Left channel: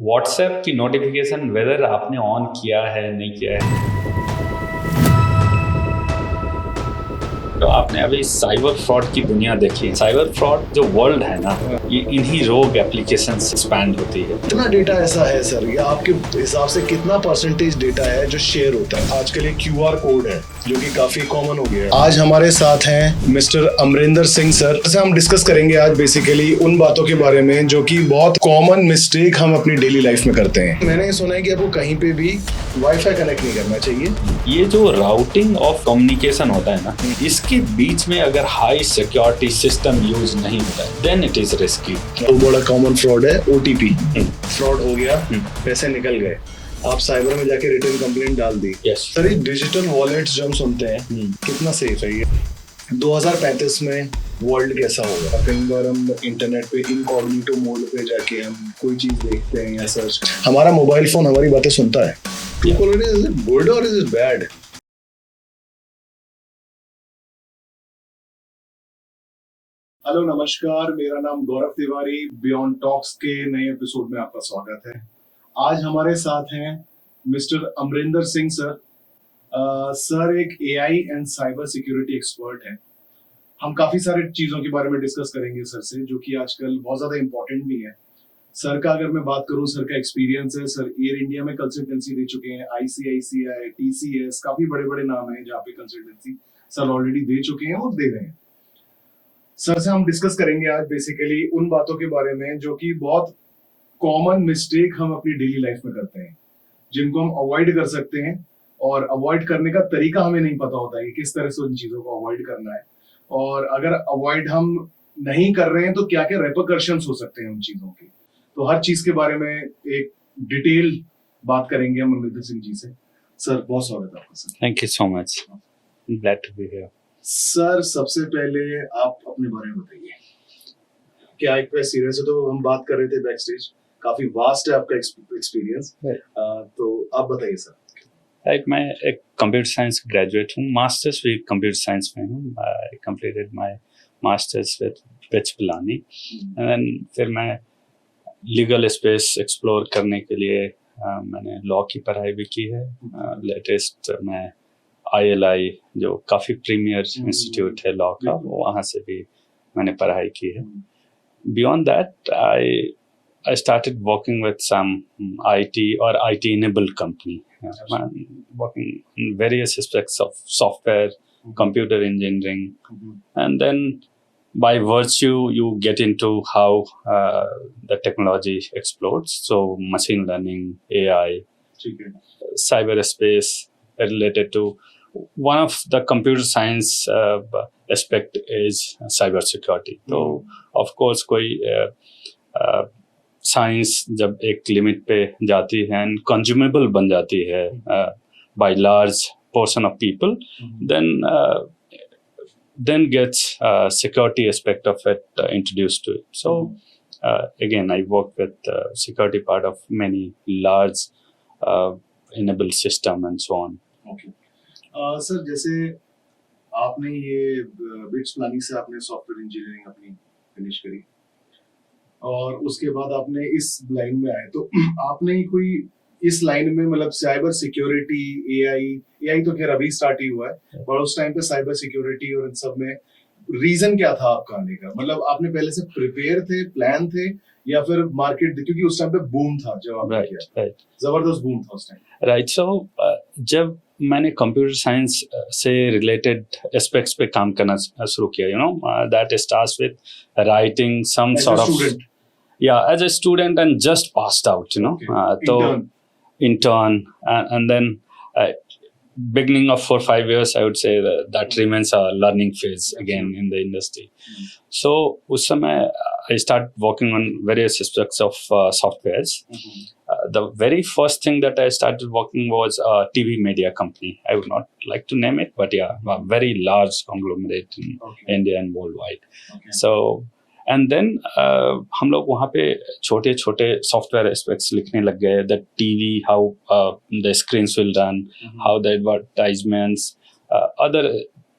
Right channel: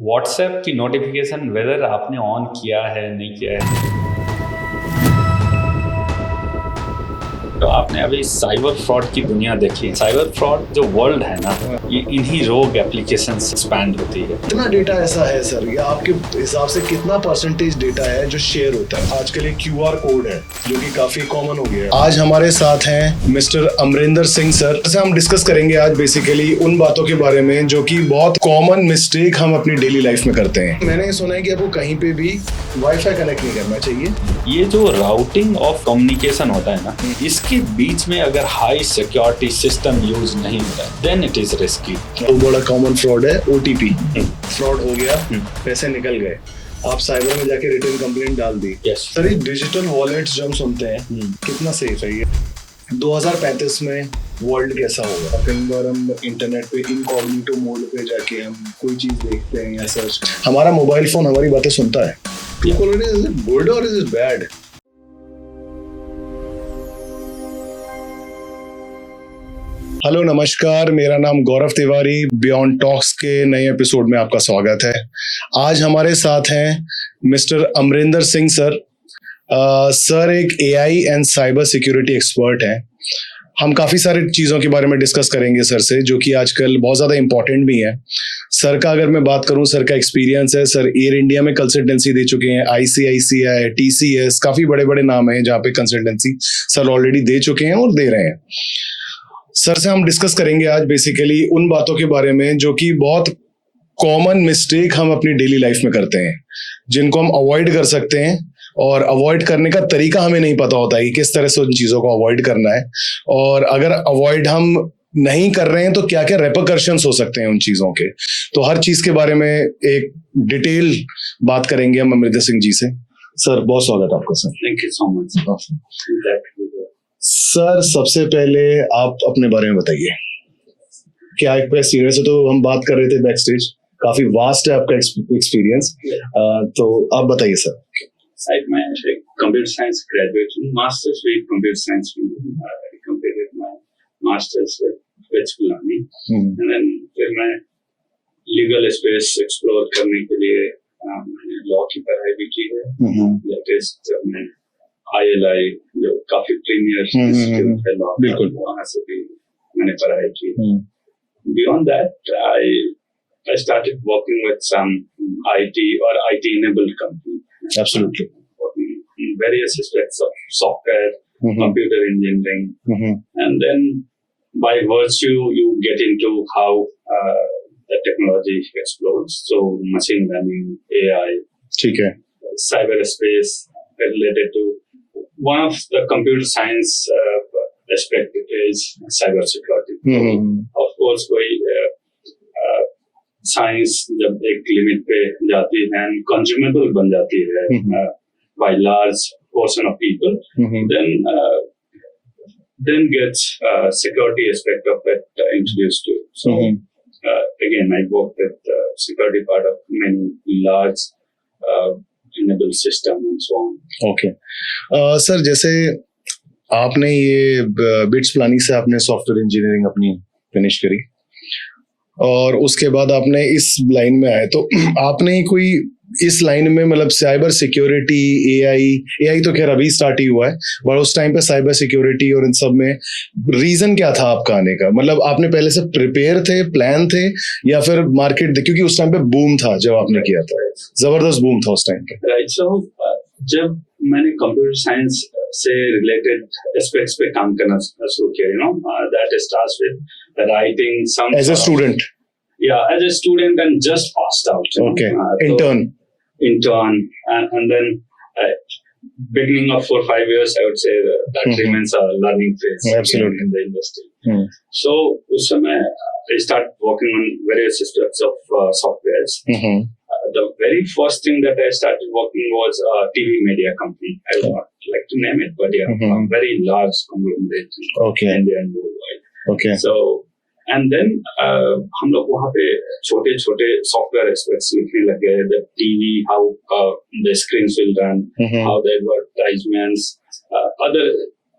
WhatsApp की notification weather आपने on किया है नहीं किया है। तो आपने अभी साइबर फ्रॉड की दुनिया देखी है। साइबर फ्रॉड जो वर्ल्ड है ना, ये इन्हीं रोग एप्लीकेशन से एक्सपैंड होती है। कितना डेटा ऐसा है सर, या आपके हिसाब से कितना परसेंटेज डेटा है जो शेयर होता है? आजकल एक QR कोड है जो कि काफी कॉमन हो गया है। आज हमारे साथ हैं मिस्टर अमरिंदर सिंह सर। जैसे हम डिस्कस करेंगे आज बेसिकली उन बातों के बारे में जो कि बहुत कॉमन मिस्टेक हम अपनी डेली लाइफ में करते हैं। मैंने सुना है कि आपको कहीं पे भी वाईफाई कनेक्ट नहीं करना चाहिए। ये जो राउटिंग ऑफ कम्युनिकेशन होता है ना, इसके बीच में अगर हाई सिक्योरिटी सिस्टम यूज नहीं होता है, देन इट इज रिस्की। तो बड़ा कॉमन फ्रॉड है OTP फ्रॉड हो गया, पैसे निकल गए, आप साइबर में जाके रिटर्न कंप्लेंट डाल दी। सर ये डिजिटल वॉलेट्स जो हम सुनते हैं कितना सेफ है ये? 2035 में वर्ल्ड कैसा होगा? कई बार हम इंटरनेट पे इनकॉग्निटो मोड पे जाके हम कोई चीज देखते हैं या सर्च, हमारा मोबाइल फोन हमारी बातें सुनता है। People, is it good or is it bad? Hello नमस्कार, मेरा नाम गौरव तिवारी। बियॉन्ड टॉक्स के नए एपिसोड में आपका स्वागत है। आज हमारे साथ हैं mister Amarinder Singh sir. Sir एक AI and cyber security expert हैं। हम काफ़ी सारी चीज़ों के बारे में डिस्कस करेंगे सर से, जो कि आजकल बहुत ज़्यादा इंपॉर्टेंट भी है। सर का अगर मैं बात करूं, सर का एक्सपीरियंस है, सर एयर इंडिया में कंसल्टेंसी दे चुके हैं, ICICI, TCS, काफ़ी बड़े बड़े नाम हैं जहाँ पे कंसल्टेंसी सर ऑलरेडी दे चुके हैं और दे रहे हैं। सर से हम डिस्कस करेंगे आज बेसिकली उन बातों के बारे में जो कि बहुत कॉमन मिस्टेक हम अपनी डेली लाइफ में करते हैं, जिनको हम अवॉइड कर सकते हैं, और अवॉइड करने का तरीका हमें नहीं पता होता है कि किस तरह से उन चीज़ों को अवॉइड करना है, और अगर अवॉइड हम नहीं कर रहे हैं तो क्या क्या रेपरकशंस हो सकते हैं उन चीज़ों के। तो हर चीज़ के बारे में एक डिटेल बात करेंगे हम अमरिंदर सिंह जी से। सर बहुत स्वागत है आपका sir. Thank you so much, glad to be here. Sir सबसे पहले आप अपने बारे में बताइए। क्या एक एक्सपीरियंस है, तो हम बात कर रहे थे बैक स्टेज, काफी वास्ट है आपका एक्सपीरियंस, तो आप बताइए सर। साइड मैं एक कंप्यूटर साइंस ग्रेजुएट हूँ, मास्टर्स भी कंप्यूटर साइंस में हूँ। I completed my masters with BITS Pilani, and then फिर मैं लीगल स्पेस एक्सप्लोर करने के लिए मैंने लॉ की पढ़ाई भी की है। लेटेस्ट मैं ILI जो काफी प्रीमियर इंस्टीट्यूट है लॉ का, वहाँ से भी मैंने पढ़ाई की है। Beyond that I started working with some IT or IT-enabled company. Absolutely. Working in various aspects of software, computer engineering, and then by virtue you get into how the technology explodes. So machine learning, AI, cyberspace related to one of the computer science aspect is cybersecurity. So of course कोई science जब एक limit पे जाती है and consumable बन जाती है by large portion of people, then gets security aspect of it introduced to it. So again I work with security part of many large enabled system and so on. Okay. Sir जैसे आपने ये BITS Pilani से आपने software engineering अपनी finish करी और उसके बाद आपने इस लाइन में आए, तो आपने कोई इस लाइन में मतलब साइबर सिक्योरिटी, AI तो खैर अभी स्टार्ट ही हुआ है, बट उस टाइम पे साइबर सिक्योरिटी और इन सब में रीजन क्या था आपका आने का? मतलब आपने पहले से प्रिपेयर थे, प्लान थे, या फिर मार्केट, क्योंकि उस टाइम पे बूम था जब आपने किया था, जबरदस्त बूम था उस टाइम पे। राइट। सो जब मैंने कंप्यूटर साइंस से रिलेटेड एस्पेक्ट्स पे काम करना शुरू किया, you know, that starts with writing some as a student. Yeah, as a student and just passed out, you know. Intern, and then beginning of 4-5 years, I would say that remains a learning phase again in the industry. So उस समय I start working on various aspects of softwares. The very first thing that I started working was a TV media company. I would not like to name it, but yeah, a very large conglomerate in India and worldwide. So and then हम लोग वहाँ पे छोटे छोटे software aspects लिखने लग गए, that TV, how the screens will run, how the advertisements, other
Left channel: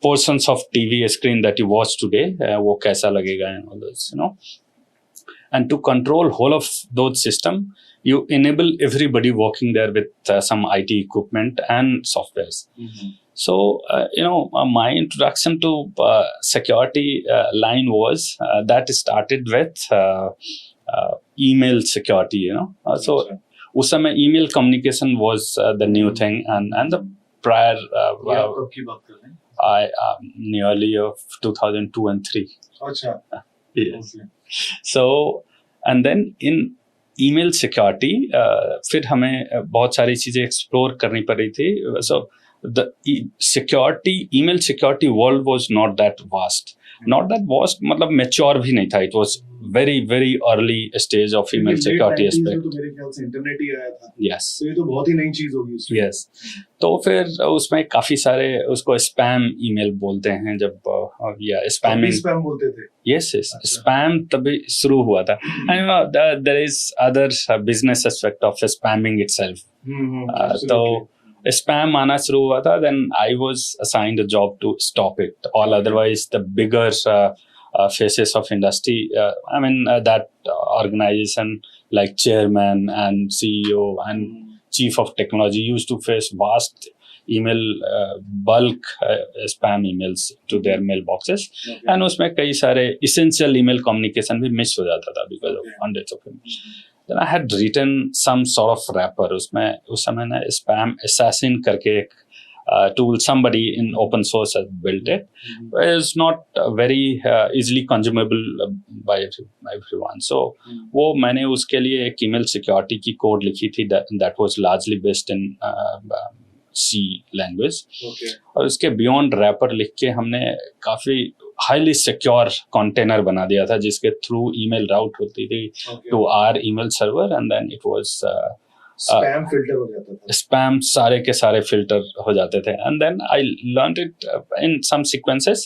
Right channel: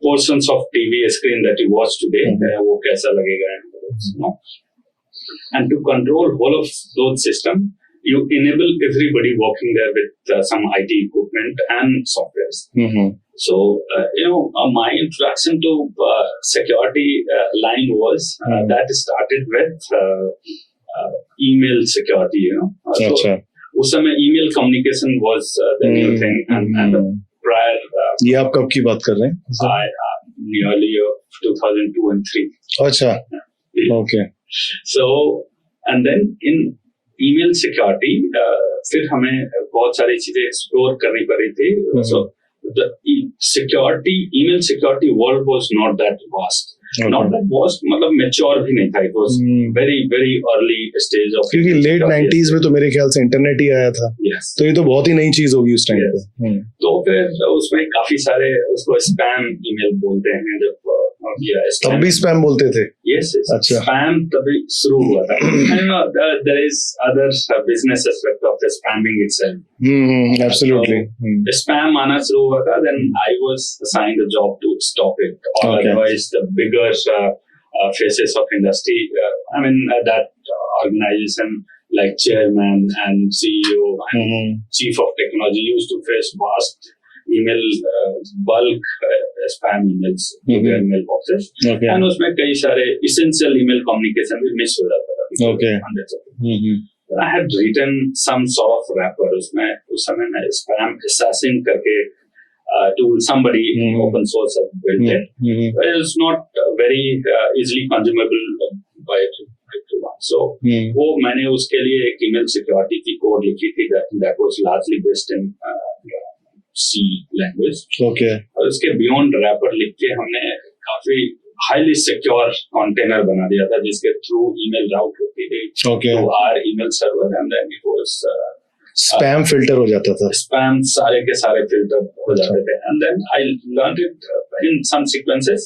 portions of TV screen that you watch today, वो कैसा लगेगा, and all this, you know. And to control whole of those system, you enable everybody working there with some IT equipment and softwares. So, my introduction to security line was that started with email security, So, उस समय email communication was the new thing, and the prior. ये आप कब की बात कर रहे हैं? Nearly of 2002 and 3. अच्छा. Okay. So, and then in email security, फिर हमें बहुत सारी चीजें explore करनी पड़ी थी. So the email security world was not that vast. Not that vast, मतलब mature भी नहीं था. It was very very early stage of email security. Late 90s में तो मेरे ख्याल से इंटरनेट ही आया था. Yes. तो ये तो बहुत ही नई चीज होगी उस टाइम पे. तो फिर उसमें काफी सारे उसको स्पैम ईमेल बोलते हैं जब स्पैम भी स्पैम बोलते थे. Yes. स्पैम तभी शुरू हुआ था. And there is other business aspect of spamming itself. Absolutely. तो स्पैम आना शुरू हुआ था. Then I was assigned a job to stop it. Or otherwise the bigger faces of industry, that organization like chairman and CEO and chief of technology used to face vast email bulk spam emails to their mailboxes. And उसमें कई सारे essential email communication भी miss हो जाता था because of hundreds of them. Then I had written some sort of wrapper. उसमें उस समय ना spam assassin करके एक tool somebody in open source has built it. It's not very easily consumable by everyone. So वो मैंने उसके लिए एक email security की code लिखी थी that was largely based in C language. और उसके beyond wrapper लिख के हमने काफी highly secure container बना दिया था जिसके through email route होती थी to our email server, and then it was spam filter हो जाता था. स्पैम सारे के सारे फिल्टर हो जाते थे. And then I learned it in some sequences.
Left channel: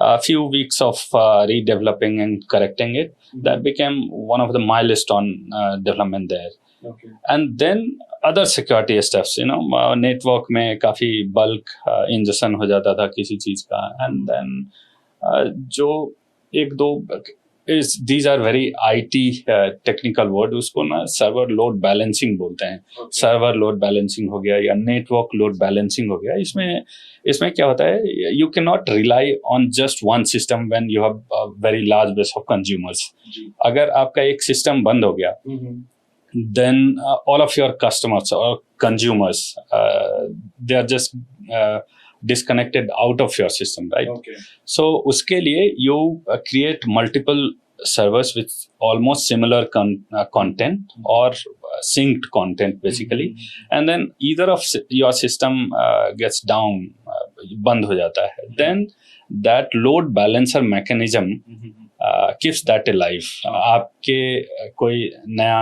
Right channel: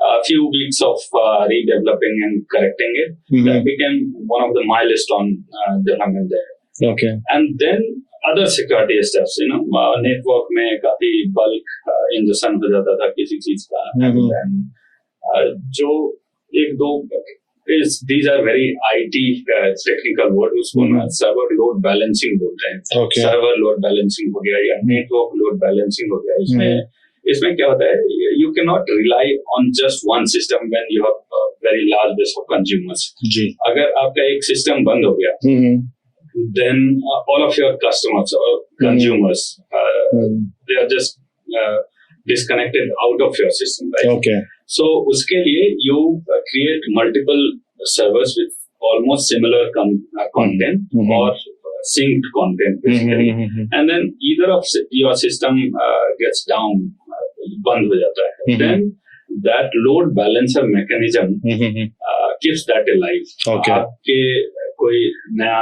A few weeks of redeveloping and correcting it. That became one of the milestone development there. And then other security steps, network में काफी bulk ingestion हो जाता था किसी चीज का. And then जो एक दो these are very IT technical word. उसको ना server load balancing बोलते हैं. Server load balancing हो गया या network load balancing हो गया. इसमें क्या होता है? You cannot rely on just one system when you have a very large base of consumers. अगर आपका एक system बंद हो गया, then all of your customers or consumers, they are just disconnected out of your system, right? So उसके लिए you create multiple servers with almost similar content or synced content basically, and then either of your system gets down, बंद हो जाता है. Then that load balancer mechanism keeps that alive. आपके कोई नया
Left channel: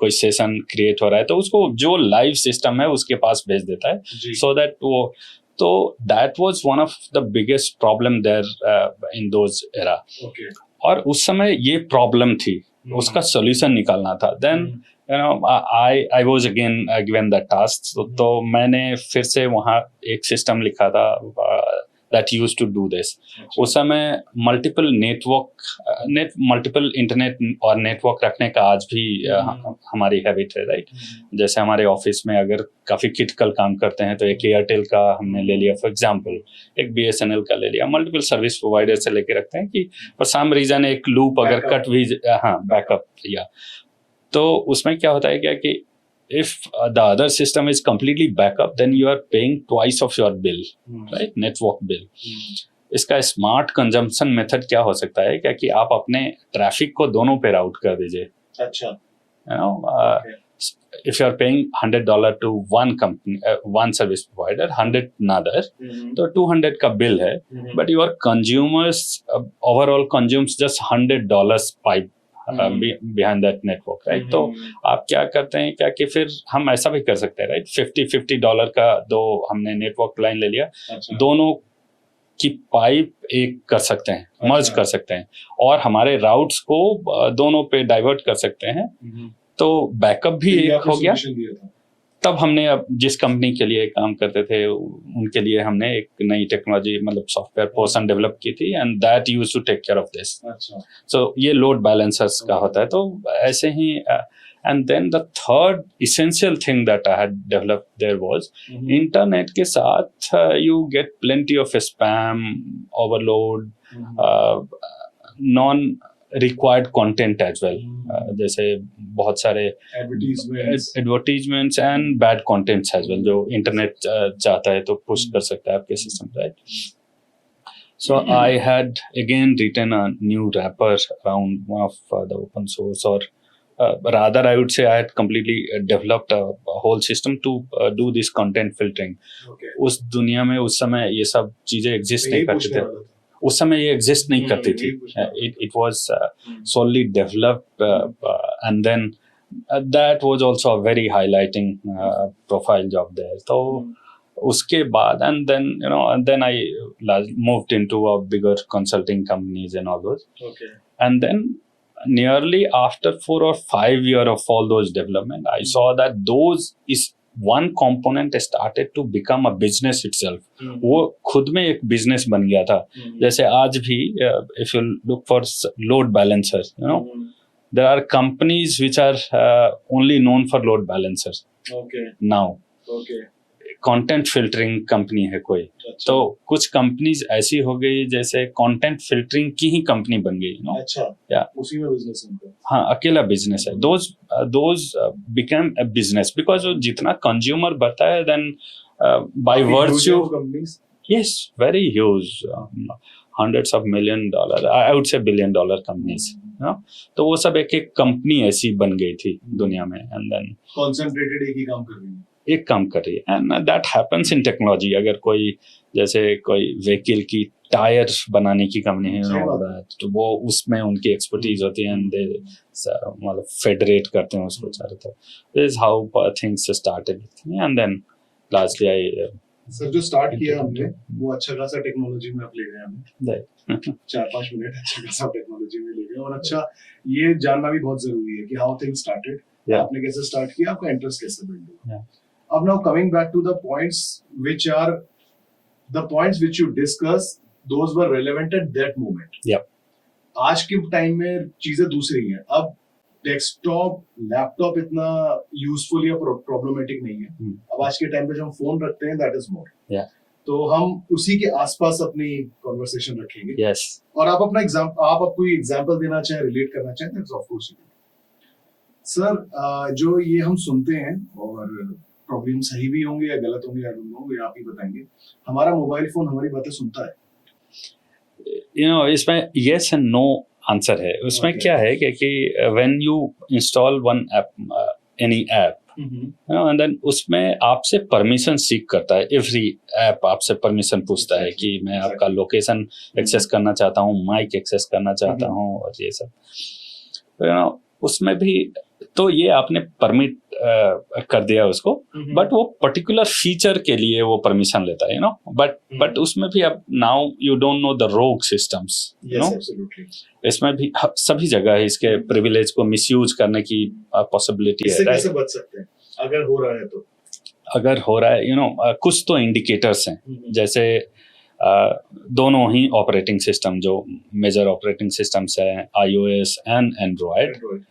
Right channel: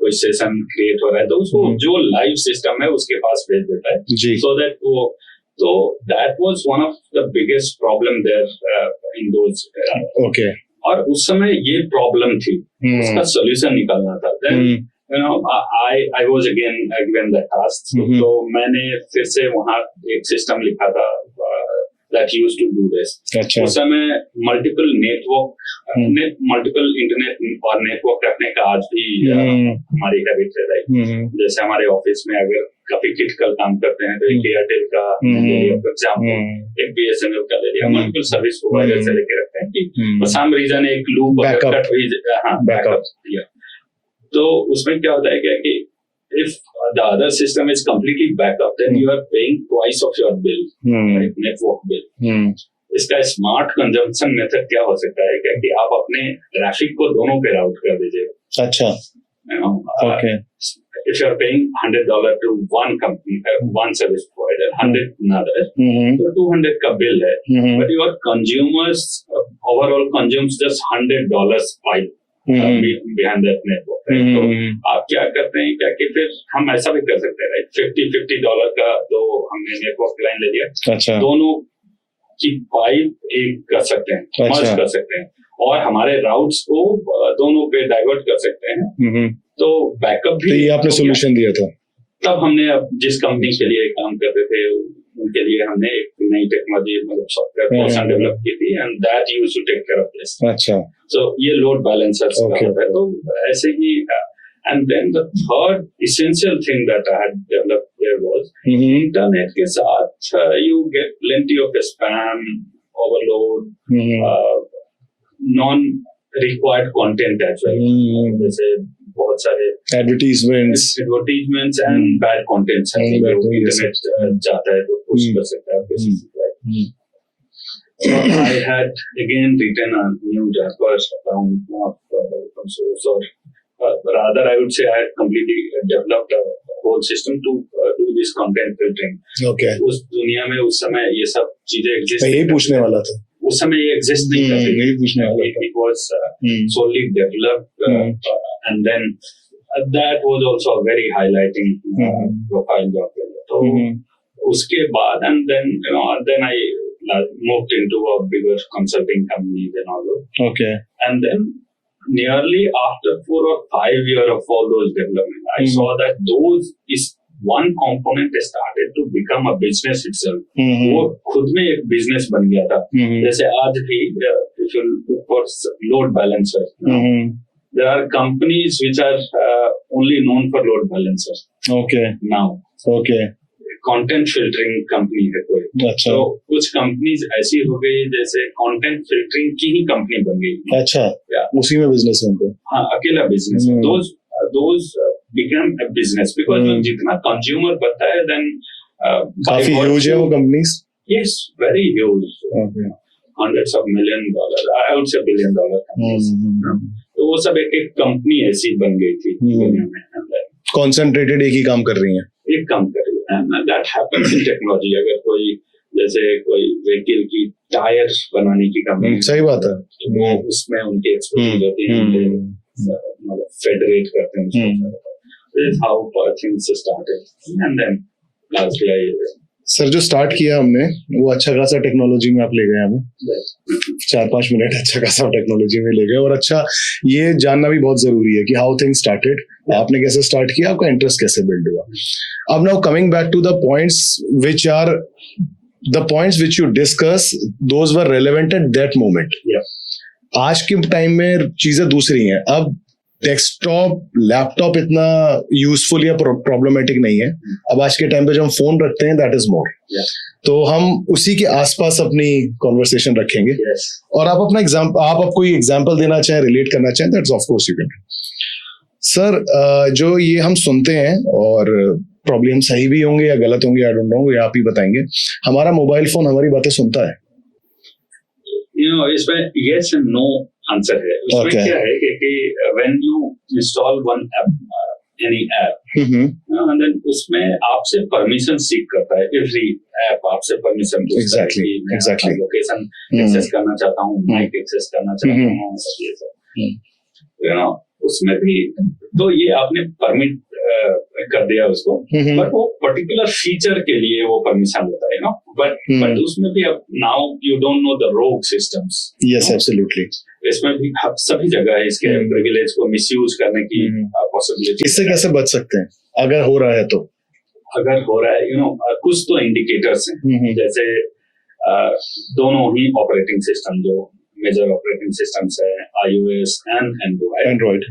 कोई सेशन क्रिएट हो रहा है तो उसको जो लाइव सिस्टम है उसके पास भेज देता है, so that वो. So that was one of the biggest problem there in those era. और उस समय ये problem थी, उसका solution निकालना था. Then I was again given that task. तो मैंने फिर से वहाँ एक system लिखा था that used to do this. उस समय multiple internet और network रखने का आज भी हमारी हैबिट है, राइट? जैसे हमारे ऑफिस में अगर काफी क्रिटिकल काम करते हैं तो एक एयरटेल का हमने ले लिया फॉर एग्जांपल, एक BSNL का ले लिया, मल्टीपल सर्विस प्रोवाइडर से लेके रखते हैं कि फॉर सम रीजन एक लूप अगर कट भी बैकअप या तो उसमें क्या होता है क्या कि if the other system is completely backup, then you are paying twice of your bill, right? Network bill. इसका स्मार्ट कंजम्पशन मेथड क्या हो सकता है क्या कि आप अपने ट्रैफिक को दोनों पे राउट कर दीजिए. अच्छा. If you are paying $100 to one company, one service provider, 100 another, तो 200 का bill है, but your consumers overall consumes just $100 pipe behind that network, right? तो आप क्या करते हैं क्या कि फिर हम ऐसा भी कर सकते हैं, right? $50 का दो हमने नेटवर्क लाइन ले लिया, दोनों की पाइप एक कर सकते हैं, मर्ज कर सकते हैं और हमारे राउट्स को दोनों पे डाइवर्ट कर सकते हैं. तो बैकअप भी आपने सॉल्यूशन दिया था. तब हमने अब जिस कंपनी के लिए काम करते थे उनके लिए हमने एक नई टेक्नोलॉजी मतलब सॉफ्टवेयर पोर्शन डेवलप की थी and that used to take care of this. अच्छा. सो ये लोड बैलेंसर्स का होता है. तो ऐसे ही And then the third essential thing that I had developed there was internet के साथ you get plenty of spam, overload, non required content as well. जैसे बहुत सारे advertisements and bad contents है जो internet जाता है तो push कर सकता है आपके system पे. So I had again written a new wrapper around one of the open source, or rather I would say I had completely developed a whole system to do this content filtering. Okay. उस दुनिया में उस समय ये सब चीजें exist नहीं पूछने वाला था. उस समय ये exist नहीं करती थी. It was solely developed and then that was also a very highlighting profile job there. So उसके बाद and then I moved into a bigger consulting companies and all those. Okay. And then nearly after 4 or 5 years of all those development, I saw that those is one component started to become a business itself. वो खुद में एक business बन गया था. जैसे आज भी if you look for load balancers, there are companies which are only known for load balancers. Okay. Now. Okay. Content filtering company है कोई. अच्छा. तो कुछ कंपनीज ऐसी हो गई जैसे कंटेंट फिल्टरिंग की ही कंपनी बन गई. अच्छा. या उसी में बिजनेस है उनको. हाँ, अकेला बिजनेस है. those became a business because जितना कंज्यूमर बढ़ता है then by virtue of companies. Yes, very huge. Hundreds of $1 million, I would say $1 billion companies. तो वो सब एक एक कंपनी ऐसी बन गई थी दुनिया में. And then concentrated एक ही काम कर रही है. एक काम कर रही है. And that happens in technology. अगर कोई जैसे कोई व्हीकल की टायर बनाने की कंपनी, सही बात है, तो वो उसमें उनकी एक्सपर्टीज होती है. मतलब फेडरेट करते हैं उसको चारों तरफ. This is how things started. And then lastly I sir जो स्टार्ट किया हमने वो अच्छा खासा टेक्नोलॉजी में आप ले गए हमें. 4-5 मिनट अच्छा खासा टेक्नोलॉजी में ले गए. और अच्छा ये जानना भी बहुत जरूरी है कि हाउ थिंग्स स्टार्टेड. आपने कैसे स्टार्ट किया, आपका इंटरेस्ट कैसे बिल्ड हुआ. अब now coming back to the points which you discuss, those were relevant at that moment. आज के टाइम में चीजें दूसरी हैं. अब डेस्कटॉप लैपटॉप इतना यूजफुल या प्रॉब्लमेटिक नहीं है. अब आज के टाइम पे जो हम फोन रखते हैं दैट इज मोर. तो हम उसी के आसपास अपनी कॉन्वर्सेशन रखेंगे. और आप अपना आप कोई एग्जांपल देना चाहें, रिलेट करना चाहें, that's of course you can. Sir जो ये हम सुनते हैं और प्रॉब्लम हम सही भी होंगे या गलत होंगे, आई डोंट नो, ये आप ही बताएंगे. हमारा मोबाइल फोन हमारी बातें सुनता है. इसमें yes and no आंसर है. उसमें क्या है कि when you install one app, any app, and then उसमें आपसे परमिशन सीख करता है. every app आपसे परमिशन पूछता है कि मैं आपका लोकेशन एक्सेस करना चाहता हूँ, माइक एक्सेस करना चाहता हूँ और ये सब. उसमें भी तो ये आपने परमिट कर दिया उसको, बट वो पर्टिकुलर फीचर के लिए वो परमिशन लेता है, बट उसमें भी अब now you don't know the रोग सिस्टम्स. Yes, absolutely. इसमें भी सभी जगह है इसके प्रिविलेज को मिसयूज करने की पॉसिबिलिटी. इससे कैसे बच सकते हैं अगर हो रहा है तो? अगर हो रहा है, कुछ तो इंडिकेटर्स हैं. जैसे दोनों ही ऑपरेटिंग सिस्टम जो मेजर ऑपरेटिंग सिस्टम्स है, iOS एंड एंड्रॉइड,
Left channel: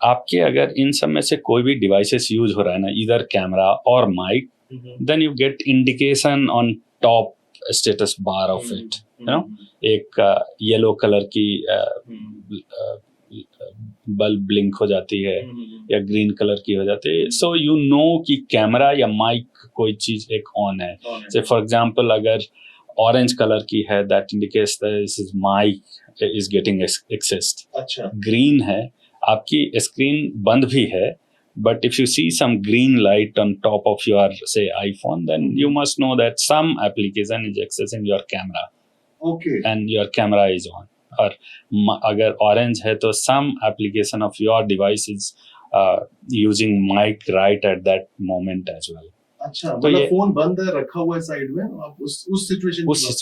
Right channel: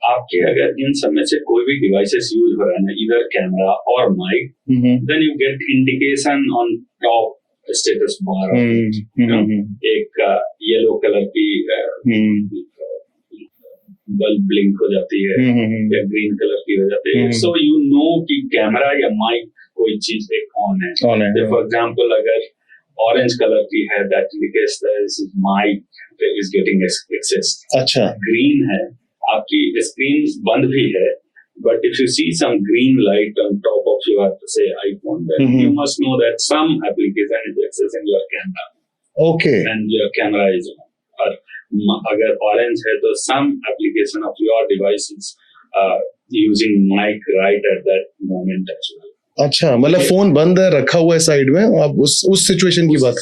आपके अगर इन सब में से कोई भी डिवाइसेस यूज हो रहा है ना, इधर कैमरा और mic, then you get indication on top status bar of it. एक येलो कलर की बल्ब ब्लिंक हो जाती है या ग्रीन कलर की हो जाती है. सो यू नो कि कैमरा या माइक कोई चीज एक ऑन है. फॉर एग्जाम्पल अगर ऑरेंज कलर की है, that indicates this is mic is getting accessed. अच्छा. ग्रीन है, आपकी स्क्रीन बंद भी है, but if you see some green light on top of your say iPhone, then you must know that some application is accessing your camera. Okay. And your camera is on. और अगर orange है तो some application of your device is using mic right at that moment as well. अच्छा, मतलब phone बंद है, रखा हुआ है साइड में, आप उस सिचुएशन की बात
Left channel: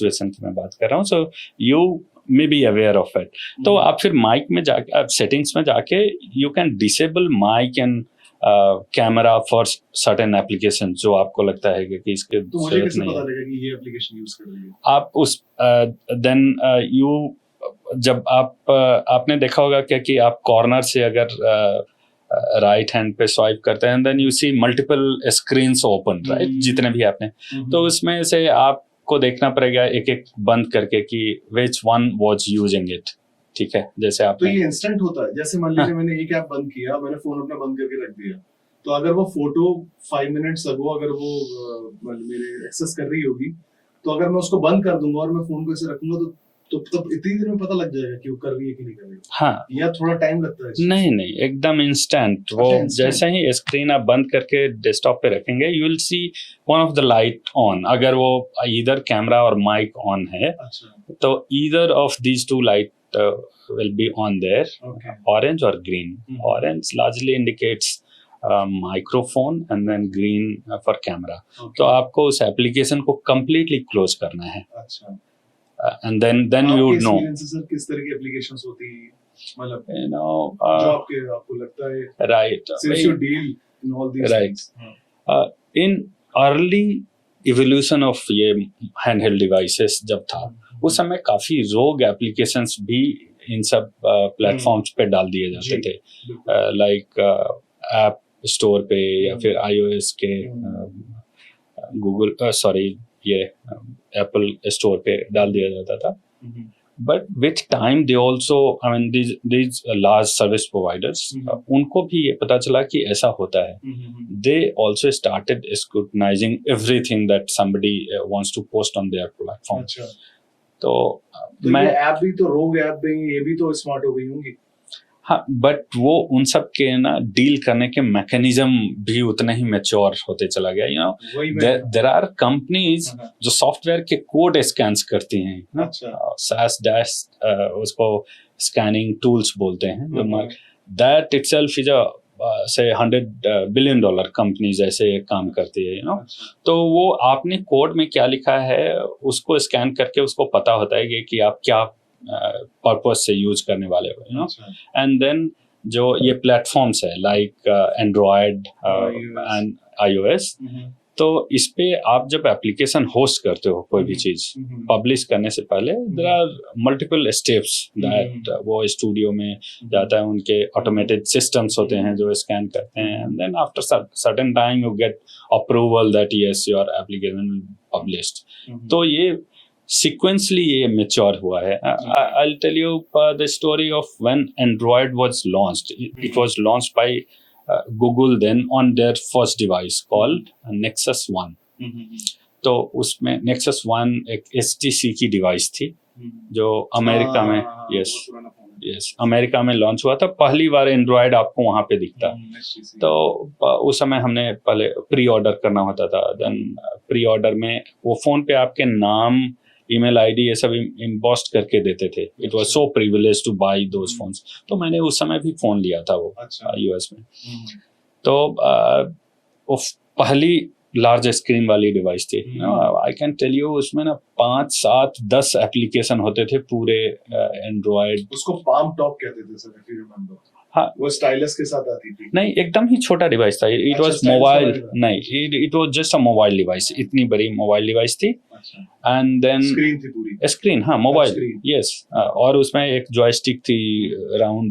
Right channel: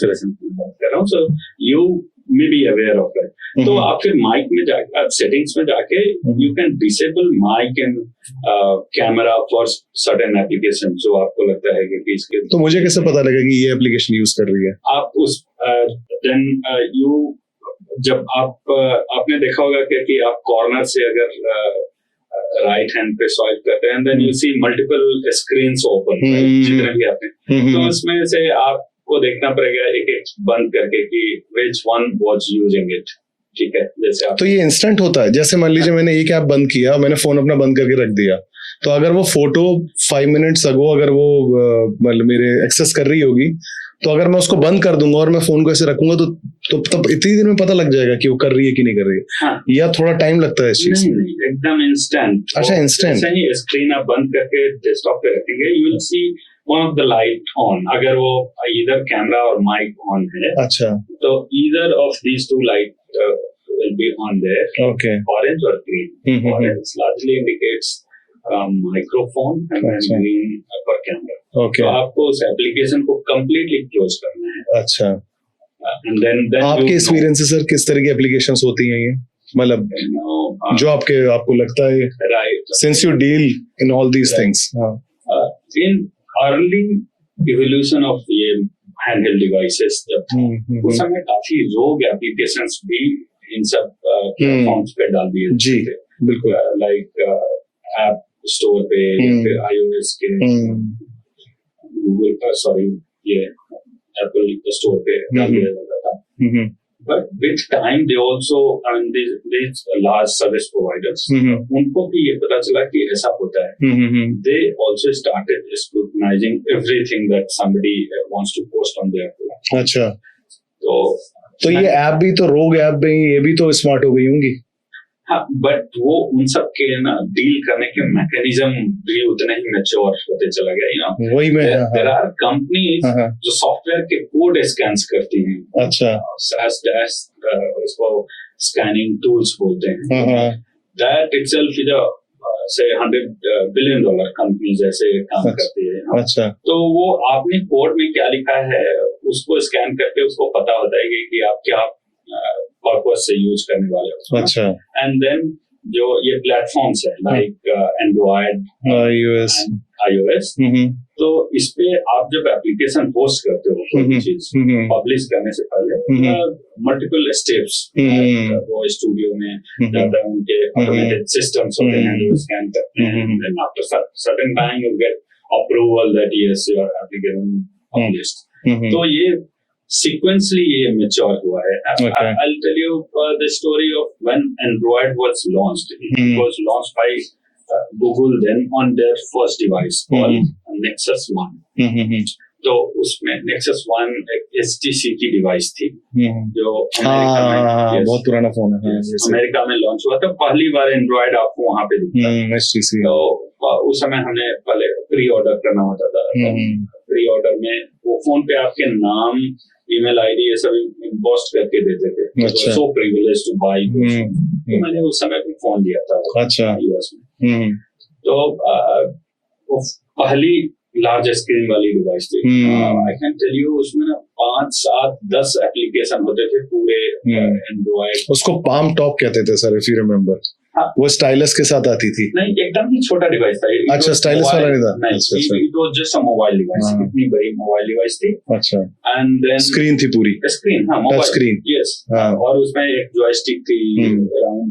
कर रहा हूँ. So you may be aware of it. तो आप फिर माइक में जाके, सेटिंग्स में जाके you can disable mic and camera for certain application जो आपको लगता है कि इसके. तो मुझे कैसे पता लगेगा कि ये एप्लीकेशन यूज कर रही है? आप उस देन यू जब आपने देखा होगा क्या कि आप कॉर्नर से अगर राइट हैंड पे स्वाइप करते हैं, then you see multiple screens open, right, जितने भी आपने, तो उसमें से आपको देखना पड़ेगा एक एक बंद करके कि which one was using it, ठीक है, जैसे आप, तो ये इंस्टेंट होता है, जैसे मान लीजिए मैंने एक ऐप बंद किया, मैंने फोन अपना बंद करके रख दिया, तो अगर वो फोटो 5 मिनट्स अगो अगर वो मतलब मेरे एक्सेस कर रही होगी, तो अगर मैं उसको बंद कर दूंगा और मैं फोन को ऐसे रखूंगा तो तब इतनी देर में पता लग जाएगा कि वो कर रही है कि नहीं कर रही है? हाँ, या थोड़ा टाइम लगता है इस चीज? नहीं, एकदम इंस्टेंट। अच्छा, इंस्टेंट। जैसे ही स्क्रीन आप बंद करके डेस्कटॉप पे रखेंगे, you will see one of the light on, अगर वो इधर कैमरा और माइक ऑन है, अच्छा, तो either of these two light will be on there, okay, orange or green. Orange largely indicates microphone and then green for camera. Okay. तो आपको उस एप्लीकेशन को completely close करना है। अच्छा, and then आपके एक्सपीरियंस सर किस तरह की एप्लीकेशंस होती हैं ये, मतलब जो आपको लगता है, right, since you deal in all these things, in early evolution of ये handheld devices जब था, उस समय काफी रोग एप्लीकेशंस भी इन सब प्लेटफॉर्म्स पे डाल दिए जाते थे, लाइक ऐप स्टोर पे या फिर iOS के गूगल ये एप्पल स्टोर पे डाल दिया जाता था। But with time they also, I mean these large service providers, उनको भी ये पता चला कि ऐसा होता है, they also started scrutinizing everything that somebody wants to post on their platform. अच्छा, तो मैं, ये ऐप भी तो रोग ऐप भी, ये भी तो स्मार्ट हो गई होंगी। हाँ, बट वो उन सब के ना डील करने के मैकेनिज्म भी उतने ही मैच्योर होते चला गया, यू नो, वही मैं, देयर आर कंपनीज जो सॉफ्टवेयर के कोड स्कैन करती हैं, अच्छा, SaaS डैश उसको स्कैनिंग टूल्स बोलते हैं, दैट इटसेल्फ इज अ से $100 billion कंपनी जैसे काम करती है, अच्छा, तो वो आपने कोड में क्या लिखा है उसको स्कैन करके उसको पता होता है कि आप क्या पर्पस से यूज करने वाले हो, अच्छा, एंड देन जो ये प्लेटफॉर्म्स है लाइक एंड्रॉयड एंड iOS, तो इस पे आप जब एप्लीकेशन होस्ट करते हो कोई भी चीज पब्लिश करने से पहले मल्टीपल स्टेप्स, वो स्टूडियो में जाता है, उनके ऑटोमेटेड सिस्टम्स होते हैं जो स्कैन करते हैं, and then after certain time you get approval that yes your application published. तो ये sequentially ये mature हुआ है। I'll tell you the story of when Android was launched. It was launched by Google then on their first device called Nexus 1. तो उसमें Nexus 1 एक HTC की device थी जो अमेरिका में, बहुत पुराना फोन है, अमेरिका में लॉन्च हुआ था, पहली बार एंड्रॉयड आपको वहां पे दिखता है। तो उस समय हमने पहले प्री ऑर्डर करना होता था, प्री ऑर्डर में वो फोन पे आपके नाम, ईमेल आईडी ये सब इम्पोस्ट करके देते थे, it was so privilege to buy those phones. तो मैंने उस समय भी फोन लिया था वो, अच्छा, यूएस में। तो वो पहली लार्ज स्क्रीन वाली डिवाइस थी। आई कैन टेल यू उसमें ना 5, 7, 10 एप्लीकेशन होते थे पूरे एंड्रॉयड। उसको पाम टॉप कहते थे सर, इफ यू रिमेम्बर। हाँ, वो स्टाइलस के साथ आती थी। नहीं, एकदम ही छोटा डिवाइस था। अच्छा, स्टाइलस वाला नहीं था। नहीं, it was just a mobile device, इतनी बड़ी मोबाइल डिवाइस थी। अच्छा, एंड देन स्क्रीन थी पूरी, स्क्रीन, हाँ, मोबाइल स्क्रीन, यस, और उसमें एक जॉयस्टिक थी राउंड,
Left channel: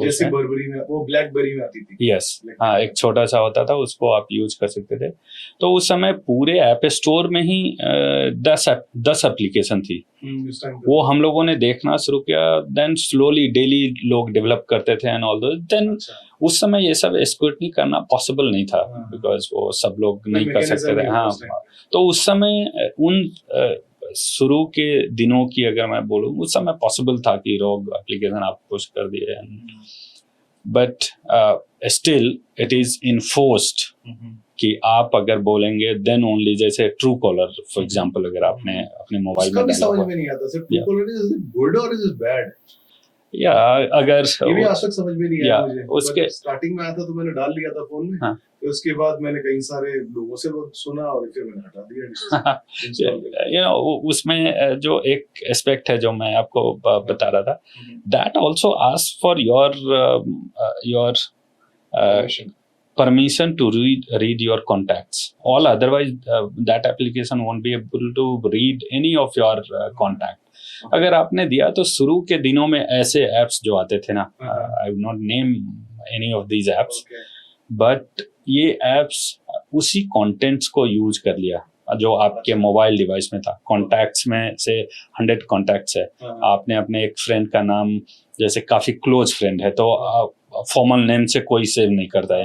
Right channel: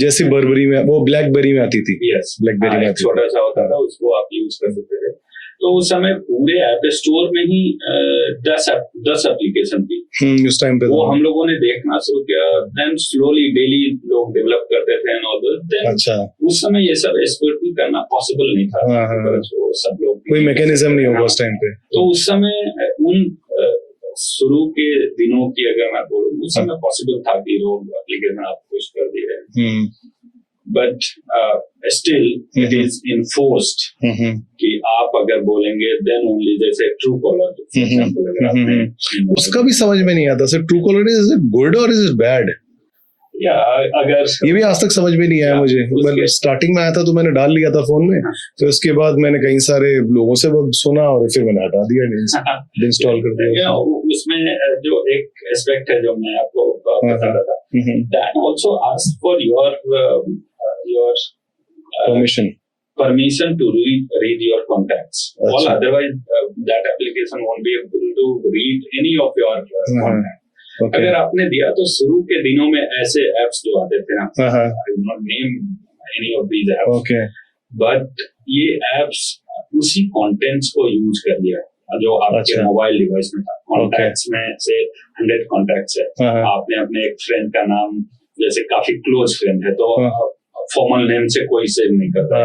जैसे बर्बरी में, वो ब्लैकबेरी में आती थी। यस, ब्लैकबेरी में छोटा सा होता था, उसको आप यूज कर सकते थे। तो उस समय पूरे ऐप स्टोर में ही 10 एप्लीकेशन थी उस टाइम पे। वो हम लोगों ने देखना शुरू किया, देन स्लोली डेली लोग डेवलप करते थे एंड ऑल दैट। देन उस समय ये सब स्क्रूटनी करना पॉसिबल नहीं था, बिकॉज़ वो सब लोग कोई मैकेनिज्म नहीं होगा उस टाइम पे। तो उस समय उन शुरू के दिनों की अगर मैं बोलूं, उस समय पॉसिबल था कि लोग एप्लीकेशन आप पुश कर दिए, but still it is enforced कि आप अगर बोलेंगे देन ओनली, जैसे ट्रू कॉलर फॉर एग्जांपल, अगर आपने अपने मोबाइल, उसका भी समझ में नहीं आता sir, true collar is it good और इज इट बैड? या अगर ये भी आज तक समझ में नहीं आया मुझे। मतलब स्टार्टिंग में आया था तो मैंने डाल लिया था फोन में, तो इसके बाद मैंने कई सारे लोगों से सुना और फिर मैंने हटा दिया, इंस्टॉल कर दिया। उसमें जो एक एस्पेक्ट है जो मैं आपको बता रहा था, that also ask for your permission to read your contacts. All otherwise that application won't be able to read any of your contact. अगर आपने दिया तो शुरू के दिनों में ऐसे एप्स जो आते थे ना, I will not name any of these apps, but ये एप्स उसी कंटेंट्स को यूज कर लिया जो आपके मोबाइल डिवाइस में था। कॉन्टैक्ट्स में से 100 कॉन्टैक्ट्स है, आपने अपने एक फ्रेंड का नाम, जैसे काफी क्लोज फ्रेंड है तो फॉर्मल नेम से कोई सेव नहीं करता है,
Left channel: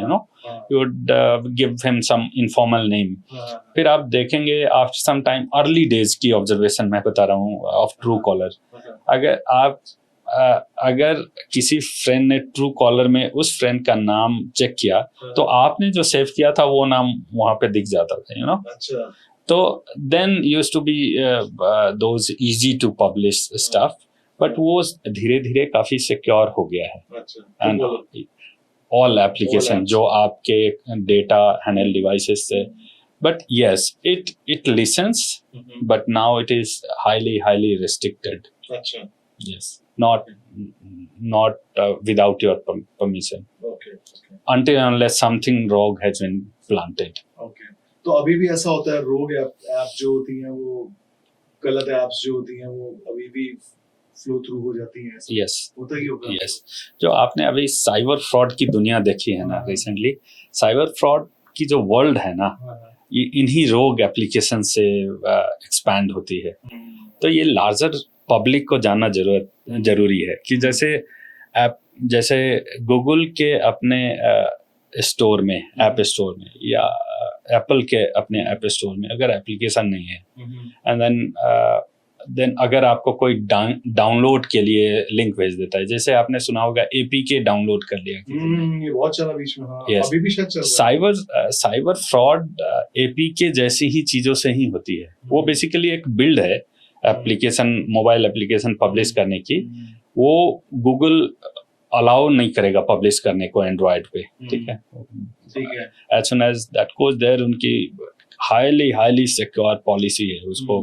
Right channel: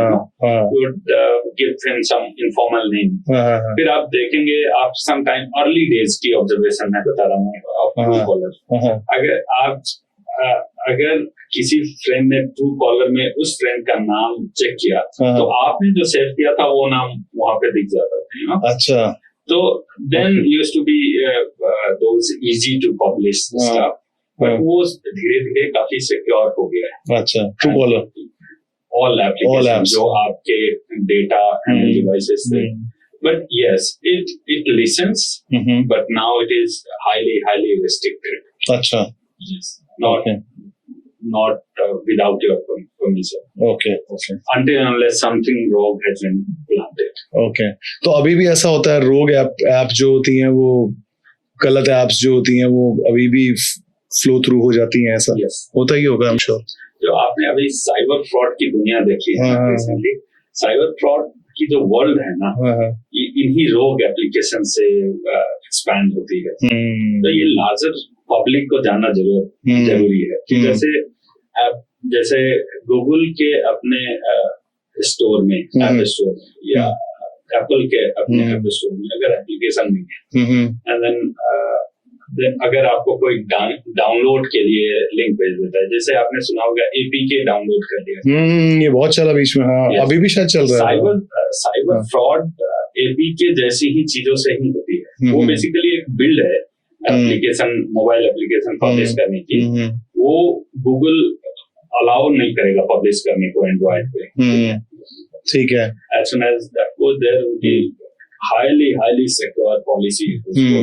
you would give him some informal name. फिर आप देखेंगे after some time, early days की ऑब्जर्वेशन मैं बता रहा हूँ ऑफ ट्रू कॉलर, अगर किसी फ्रेंड ने ट्रू कॉलर में उस फ्रेंड का नाम चेक किया तो आपने जो सेव किया था वो नाम वहां पे दिख जाता था, यू नो। अच्छा। तो then used to be those easy to publish stuff, but वो धीरे धीरे काफी सिक्योर हो गया है। अच्छा, ट्रू कॉलर ऑल एप्लीकेशन जो आपके डेटा हैंडल डिवाइसेस से, but yes it lessons, but now it is highly restricted. अच्छा, yes, not without your permission, okay until unless something rogue has been planted. Okay, तो अभी भी ऐसा होता है, रोग ऐप जो होती हैं वो, गलत ऐप्स जो होती हैं वो अभी भी फ्लो थ्रू हो जाती हैं, ऐसा yes. होता ही होगा, I'm sure। जो आपने अभी साइबर फ्रॉड की दुनिया देखी है रिसेंटली, साइबर फ्रॉड की जो वर्ल्ड है ना, ये इन्हीं रोग एप्लीकेशन से एक्सपैंड होती है। तो ये लार्जर पब्लिक को जानना जरूरी है कि जैसे गूगल के अपने स्टोर में, ऐप स्टोर में, या एप्पल के अपने ऐप स्टोर में अगर एप्लीकेशन नहीं है, एंड देन अगर आपको कोई डाउनलोड के लिए लिंक भेज देता है, जैसे आपने सुना होगा एपीके डाउनलोड कर लिया, ये बहुत चला बीच में। हाँ, yes. अभी भी शायद चल रहा है। साइबर फ्रॉड एपीके जैसी ही चीजों से ही होती है। वो बेसिकली एक बिल्ड है एप्लीकेशन, मोबाइल एप्लीकेशन पब्लिश करने की, वो गूगल अलाउ नहीं करेगा पब्लिश करने को एंड्रॉइड पे, ठीक है। As soon as that goes there, उनकी हाईली सिक्योर पॉलिसी है उसको।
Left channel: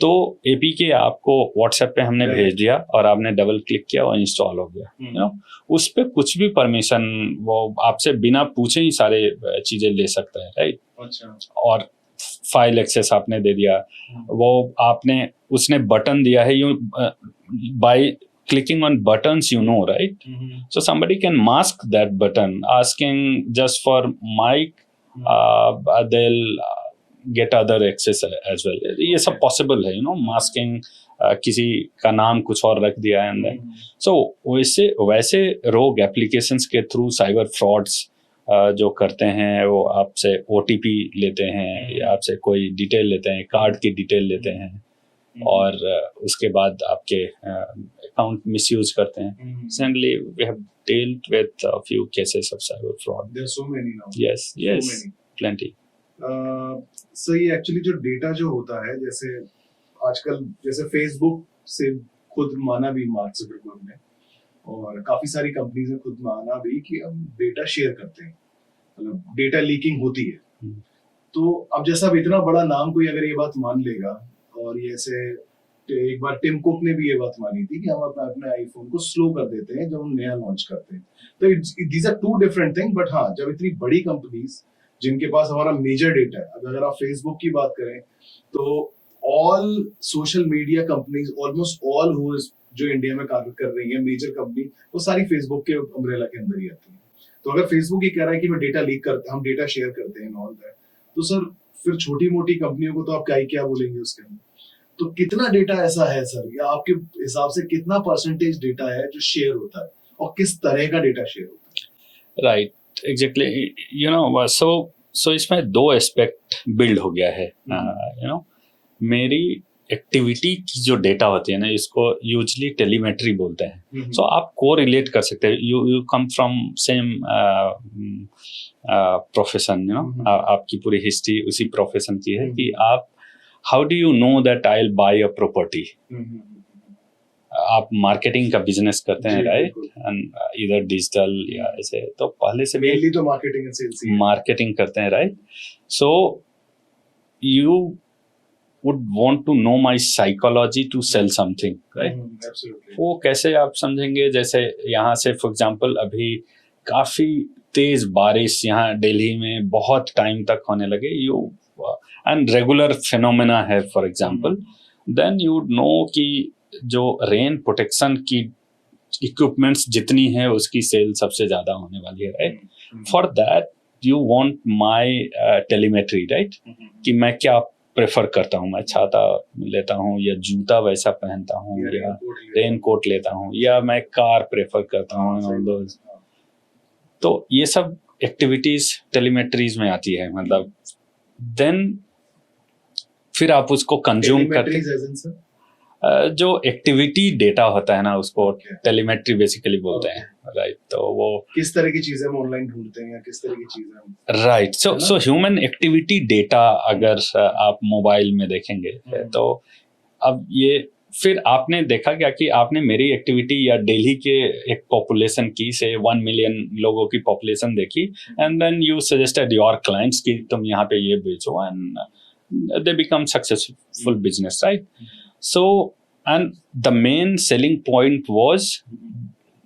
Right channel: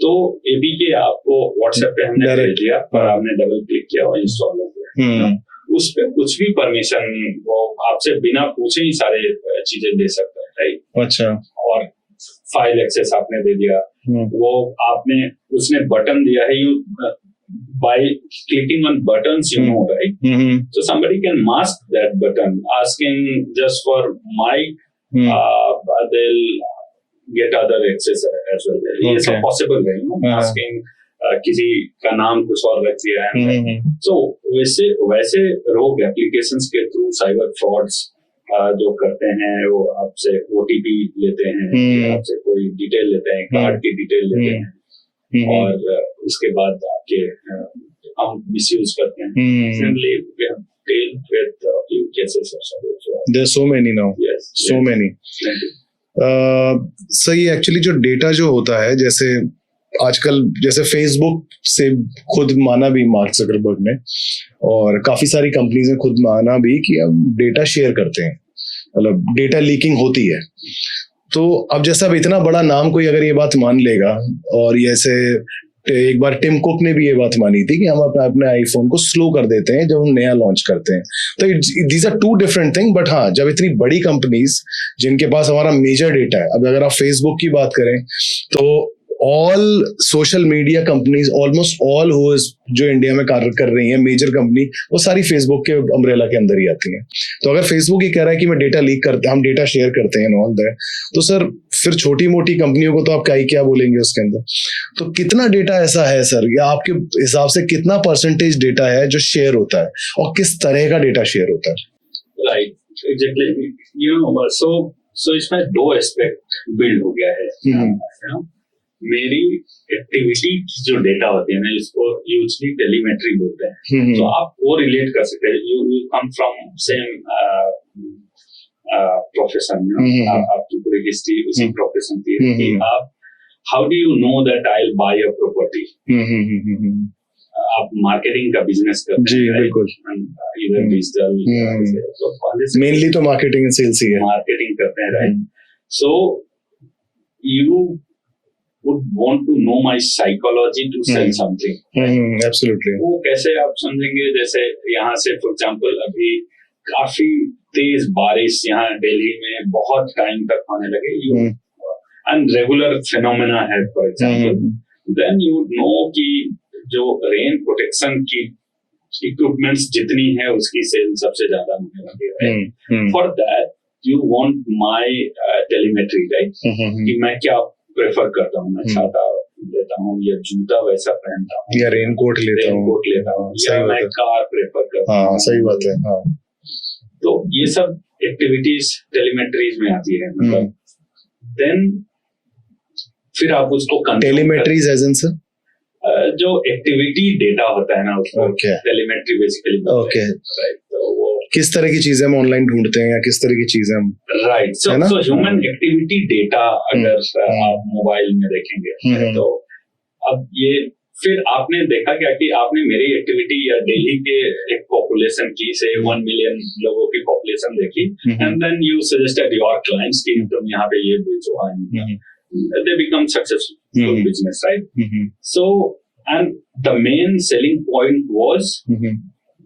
तो एपीके आपको व्हाट्सएप पे हमने भेज दिया और आपने डबल क्लिक किया और इंस्टॉल हो गया। उस पे कुछ भी परमिशन वो आपसे बिना पूछे ही सारे चीजें ले सकता है, राइट? अच्छा। और फाइल एक्सेस आपने दे दिया, वो उसने बटन दिया है, you by clicking on buttons, you know, right? So somebody can mask that button asking just for mic, they'll get other access as well. ये सब पॉसिबल है, यू नो, मास्किंग, किसी का नाम कुछ और रख दिया है। सो वैसे रोग एप्लीकेशंस के थ्रू साइबर फ्रॉड्स जो करते हैं, वो आपसे ओटीपी लेते हैं, या आपसे कोई डिटेल लेते हैं, कार्ड की डिटेल लेते हैं, और उसके बाद आपके अकाउंट मिसयूज करते हैं। Recently we have dealt with a few cases of cyber fraud. There are so many now. Yes, so many. Plenty. सही, एक्चुअली जो डेटा जो होता है, जैसे आजकल जैसे फेसबुक से खुद माना भी मार्क ज़करबर्ग ने, और काफी सारी कंपनीज ने खुद माना भी कि हम डेटा शेयर करते हैं, मतलब डेटा लीकिंग होती है। तो अब जैसा अब इतना बड़ा नाम कोई अगर ये बात मान लेगा, और ये ऐसे एक बार टिम कुक ने भी ये बात मानी थी कि हम अपने आईफोन को स्लो कर देते हैं जब हम नया लॉन्च करते हैं। तो these are two different thing, but हाँ, जब इतनी बड़ी कंपनीज जिनके पास हमारा मेजर डेटा है, अब अगर आप फेसबुक की बात करें तो all social media companies, almost all जो इंडिया में कार्य कर रही हैं मेजर कंपनी, वो सारी फेसबुक के अम्ब्रेला के अंदर ही आती हैं। तो अगर फेसबुक ये कह रहा है कि मैं डेटा लीक करते हैं, हम डेटा शेयर करते हैं ऑल दैट, तो सर फिर छोटी मोटी कंपनियों को तो आप क्या बोलेंगे उसके अंदर? तो कितना डेटा ऐसा है सर, या आपके हिसाब से कितना परसेंटेज डेटा है जो शेयर होता है, और किस तरह का डेटा शेयर होता है? राइट, एग्जैक्टली, यू नो, सो इसमें दो एस्पेक्ट बिल्ड हो गया है, यू नो। मेरी एक्टिविटी की जो डेटा होती है ना, इसको यूजली टेलीमेट्री बोलते हैं। तो आप को रिलेट कर सकते हैं, you come from same profession, आपकी पूरी हिस्ट्री उसी प्रोफेशन की है कि आप, how do you know that I will buy a property? आप मार्केटिंग का बिजनेस करते हैं, राइट? इधर डिजिटल, तो पहले से मेनली तो मार्केटिंग एंड सेल्स ही है, मार्केटिंग करते हैं, right? So you would want to know my psychology to sell something, right? Absolutely. वो कैसे आप समझेंगे? जैसे यहाँ से फॉर एग्जांपल अभी काफी तेज बारिश यहाँ दिल्ली में बहुत टाइम तक होने लगे, एंड रेगुलर फिनोमेना है। For example then you would know कि जो रेन प्रोटेक्शन की इक्विपमेंट्स जितनी है उसकी सेल सबसे ज्यादा होने वाली है। For that you want my telemetry, right? कि मैं क्या प्रेफर करता हूँ, मैं छाता लेता हूँ या जूता वैसा पहनता हूँ या रेनकोट लेता हूँ या मैं कार प्रेफर करता हूँ। सही बात है। हाँ। तो ये सब एक्टिविटीज टेलीमेट्रीज में आती है, मतलब देन फिर आप उसको कंज्यूम टेलीमेट्रीज एज इन सर जो एक्टिविटी डेटा होता है ना उसको टेलीमेट्री बेसिकली बोलते हैं, राइट? तो वो किस तरह की चीजें हम ऑनलाइन ढूंढते हैं या किस तरह की चीजें हम, right? So human activity data अगर आप मोबाइल में देखेंगे तो अब ये फिर आपने देखा क्या कि आपने मेरी एक्टिविटी या दिल्ली के एक पॉपुलेशन की से 1 मिलियन लोगों की पॉपुलेशन देखी and then you suggested your clients कि तुम यहाँ पे ये बेचो and they become successful business, right? So, and the main selling point was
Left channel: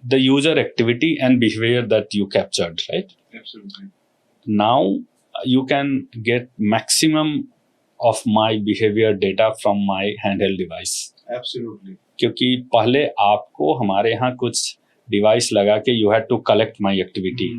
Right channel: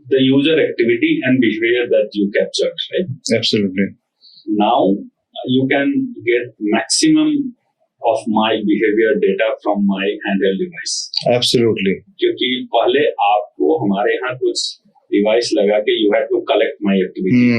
the user activity and behavior that you captured, right? Absolutely. Now you can get maximum of my behavior data from my handheld device. Absolutely. क्योंकि पहले आपको हमारे यहाँ कुछ device लगा के you had to collect my activity.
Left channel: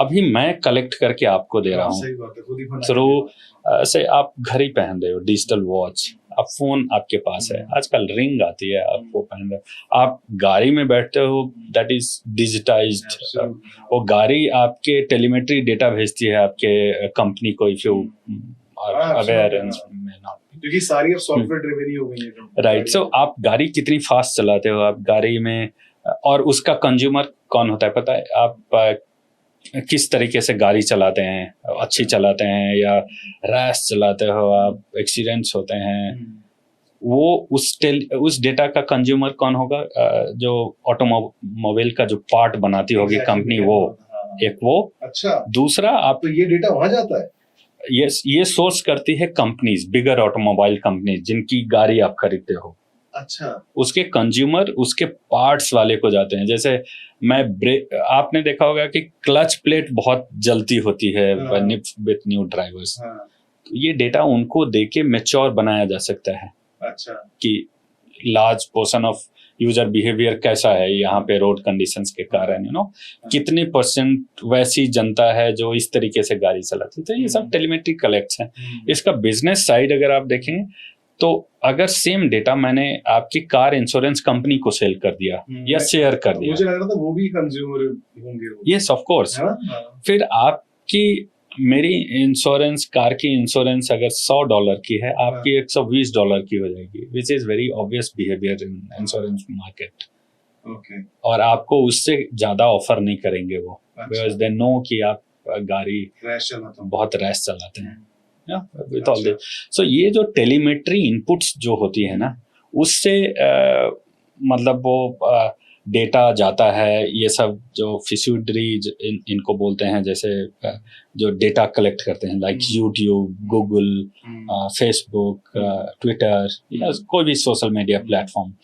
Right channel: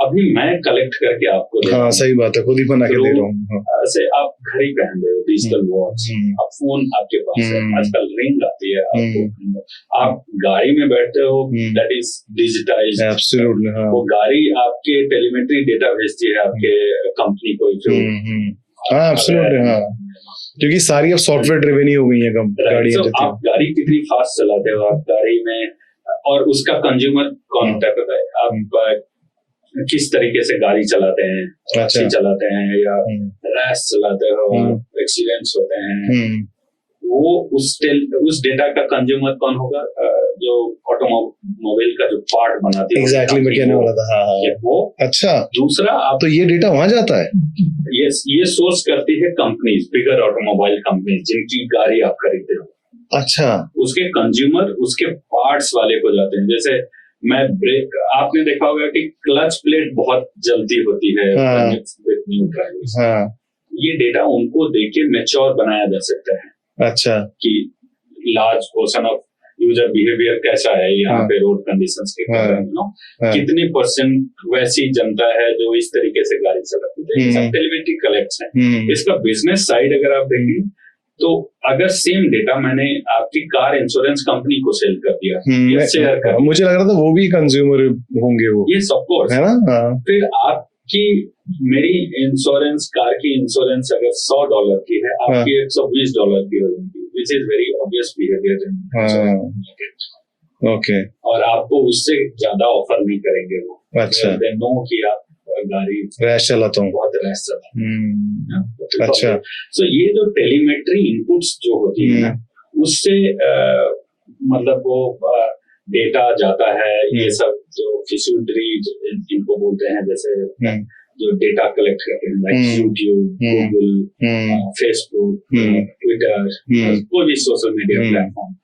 अभी मैं कलेक्ट करके आपको दे रहा हूँ। सही बात है, खुद ही बना के दे रहा हूँ। ऐसे आप घड़ी पहन रहे हो, डिजिटल वॉच, अब फोन आपके पास है, आजकल रिंग आती है आपको पहन रहे हो, आप गाड़ी में बैठते हो, दैट इज डिजिटाइज्ड। वो गाड़ी आपके टेलीमेट्री डेटा भेजती है आपके कंपनी को, इफ यू क्योंकि सारी अब सॉफ्टवेयर ड्रिवन ही हो गई है राइट? सो आप गाड़ी कितनी फास्ट चलाते हो, आप गाड़ी में, और उसका कंज्यूमर कौन होता है पता है? आप किस तरीके से गाड़ी चलाते हैं, अच्छी चलाते हैं या रैश चलाते हो, आप एक्सीडेंट्स होते हैं, वो उस डेटा का कंज्यूमर कौन होगा? जो ऑटोमोबाइल का जो पार्ट बनाती होगी कंपनी, एक वो। अच्छा, दूसरा आप तो ये डेटा वहां जाता है? ये सोर्स करती है कंपनीज, बिगर ऑटोमोबाइल कंपनीज जिनकी गाड़ी आप खरीदते हो। अच्छा, उसके कंज्यूमर उसके पार्ट्स वाले को जाते हैं। जैसे आपने देखा होगा कि क्लच प्लेट बहुत जल्दी होती है विथ न्यू ड्राइवर्स। ये डेटा उनको देके मैच्योर बनाया जा सकता है। अच्छा, कि large portion of user behaviour कैसा है यहाँ पे रोड कंडीशंस के कारण, यू नो, कितनी % वैसी जनता है जो इस तरीके से गाड़ी चलाती है। तो ये सब टेलीमेट्री कलेक्ट्स हैं। इसका बिजनेस साइड अगर आप देखें तो अगर सेम डेटा मैंने आपकी कार इंश्योरेंस कंपनी को सेल कर दिया या शेयर कर दिया, मुझे लग रहा था वो भी कंज्यूमर होंगे वो। यस ऑफ कोर्स, है ना? फिर आपकी मेरी इंश्योरेंस, कार की इंश्योरेंस अगर $100 की है, आपकी $120 की हो जाएगी, which is very obvious behaviour in market. Okay, और आपको उससे ज्यादा ऑफर नहीं करेंगे वो। अच्छा, दे नो कि आप गाड़ी रैश चलाता हूँ, बहुत रैश चलाते हैं। अच्छा, सो ये जो टेलीमेट्री इनपुट्स जो होती है ना, उससे मतलब वो डेटा जाता है। ये सब जो फिशुडरी इनको बोलते हैं, जैसे जो डेटा कलेक्ट करते हैं, like YouTube, Google, Facebook, Twitter, कोई भी सोशल मीडिया प्लेटफॉर्म,